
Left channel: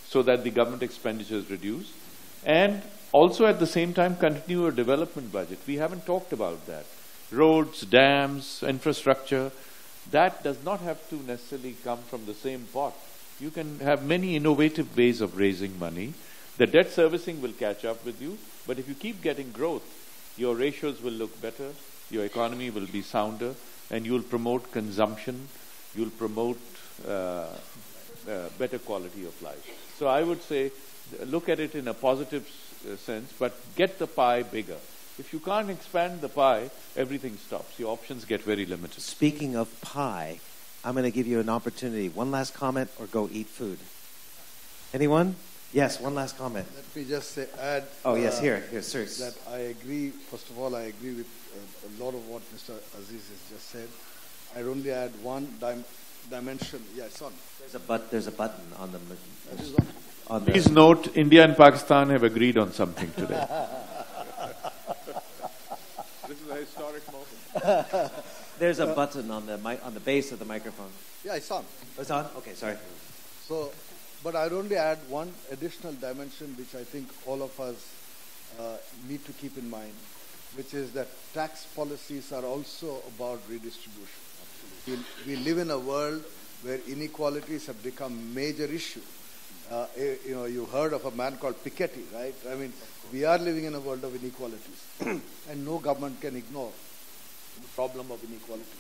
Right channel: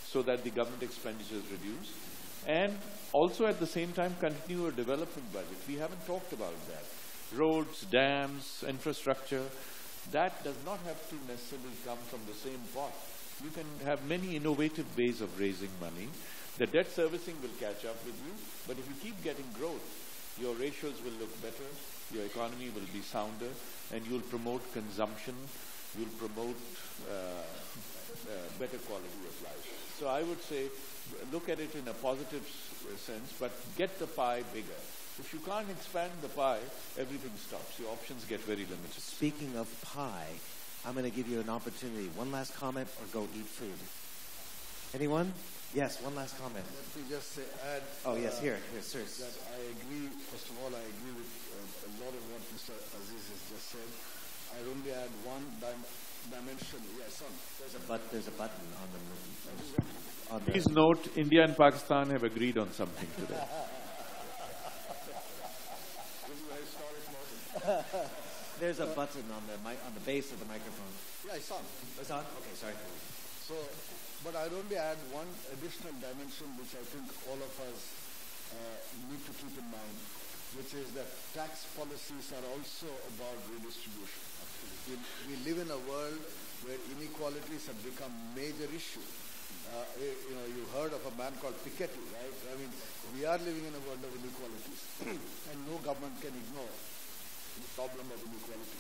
so that the government expenditure is reduced, and also at the same time continue a development budget. We haven't talked about that. Roads, dams, infrastructure, that does not have to necessarily come from the same pot. You can have many innovative ways of raising money. The debt servicing will catch up with you, but if you keep getting growth, your ratios will look better, your economy will be sounder, and you'll promote consumption, you'll promote better quality of life. So I would say, look at it in a positive sense, but get the pie bigger. If you can't expand the pie, everything stops. Your options get very limited. Speaking of pie, I'm going to give you an opportunity. One last comment or go eat food. Anyone? Yes, one last comment. Let me just add. Oh, yes, here, sir. That I agree. First of all, I agree with a lot of what Mr. Aziz has just said. I'd only add one dimension. Yeah, it's on. There's a button on the. Please note, India and Pakistan have agreed on something today. This is a historic moment. There's a button on the base of the microphone. Yeah, it's on. It's on? Okay, sorry. So, but I'd only add one additional dimension which I think all of us need to keep in mind, which is that tax policies are also about redistribution. We live in a world where inequalities have become a major issue. You heard of a man called Piketty, right? I mean, we are living in a world of inequalities, and no government can ignore the problem of inequality.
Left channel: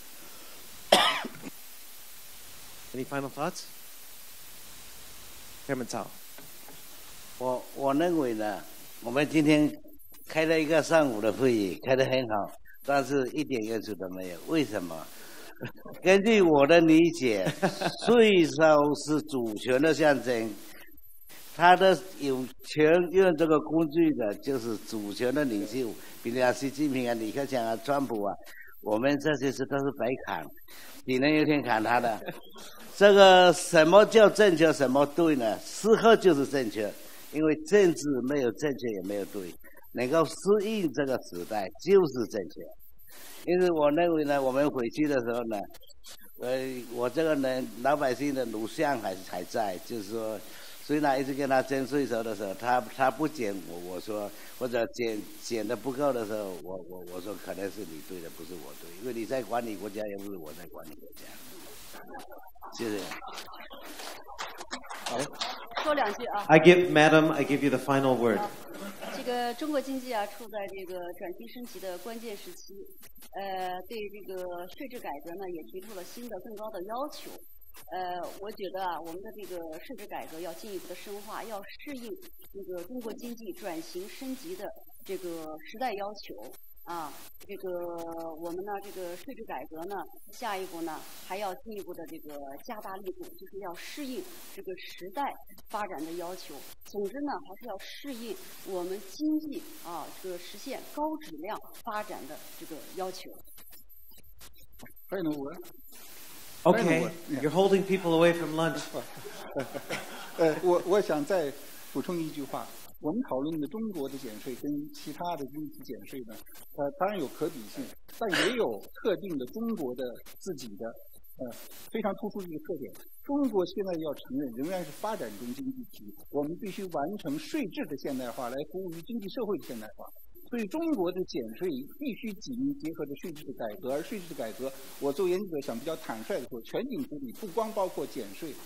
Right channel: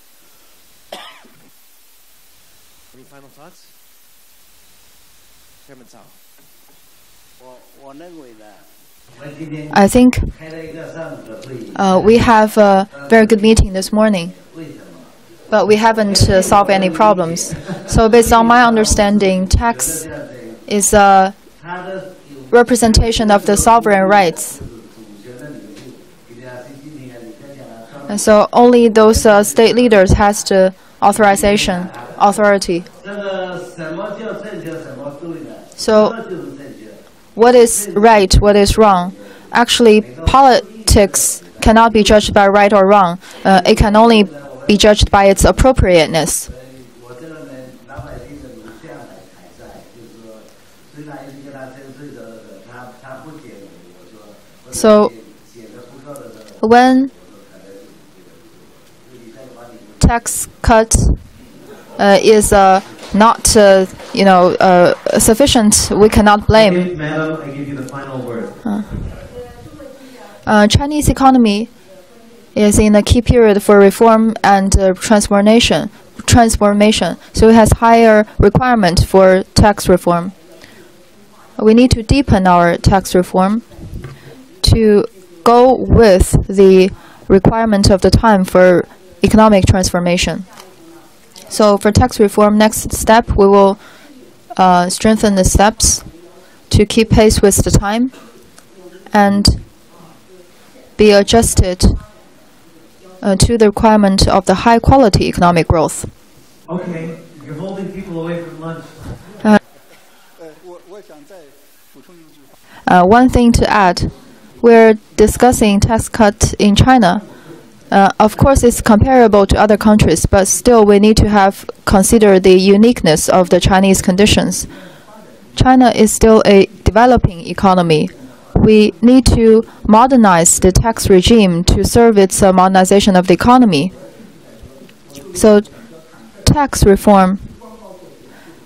Any final thoughts? Chairman Cao. I think we have a very good meeting this morning, but we haven't solved any problems. So based on my understanding, tax is a representation of the sovereign rights. And so only those state leaders has the authority. So what is right, what is wrong? Actually, politics cannot be judged by right or wrong. It can only be judged by its appropriateness. So when tax cut is not sufficient, we cannot blame. Madam, I give you the final word. Chinese economy is in a key period for reform and transformation. So it has higher requirement for tax reform. We need to deepen our tax reform to go with the requirement of the time for economic transformation. So for tax reform, next step, we will strengthen the steps to keep pace with the time and be adjusted to the requirement of the high-quality economic growth. Okay, you're holding people away from lunch. One thing to add, we're discussing tax cut in China. Of course, it's comparable to other countries, but still we need to consider the uniqueness of the Chinese conditions. China is still a developing economy. We need to modernize the tax regime to serve its modernization of the economy. So tax reform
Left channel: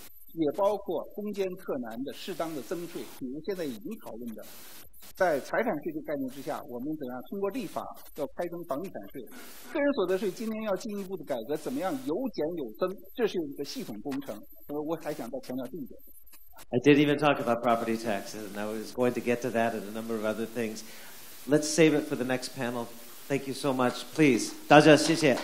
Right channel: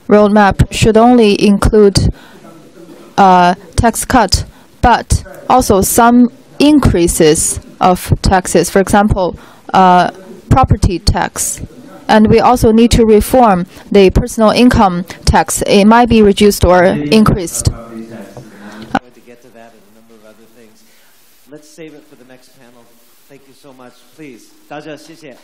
roadmap should only include tax cut, but also some increases of taxes. For example, property tax. And we also need to reform the personal income tax. It might be reduced or increased. I'm going to get to that and a number of other things. Let's save it for the next panel. Thank you so much. Please, 大家谢谢。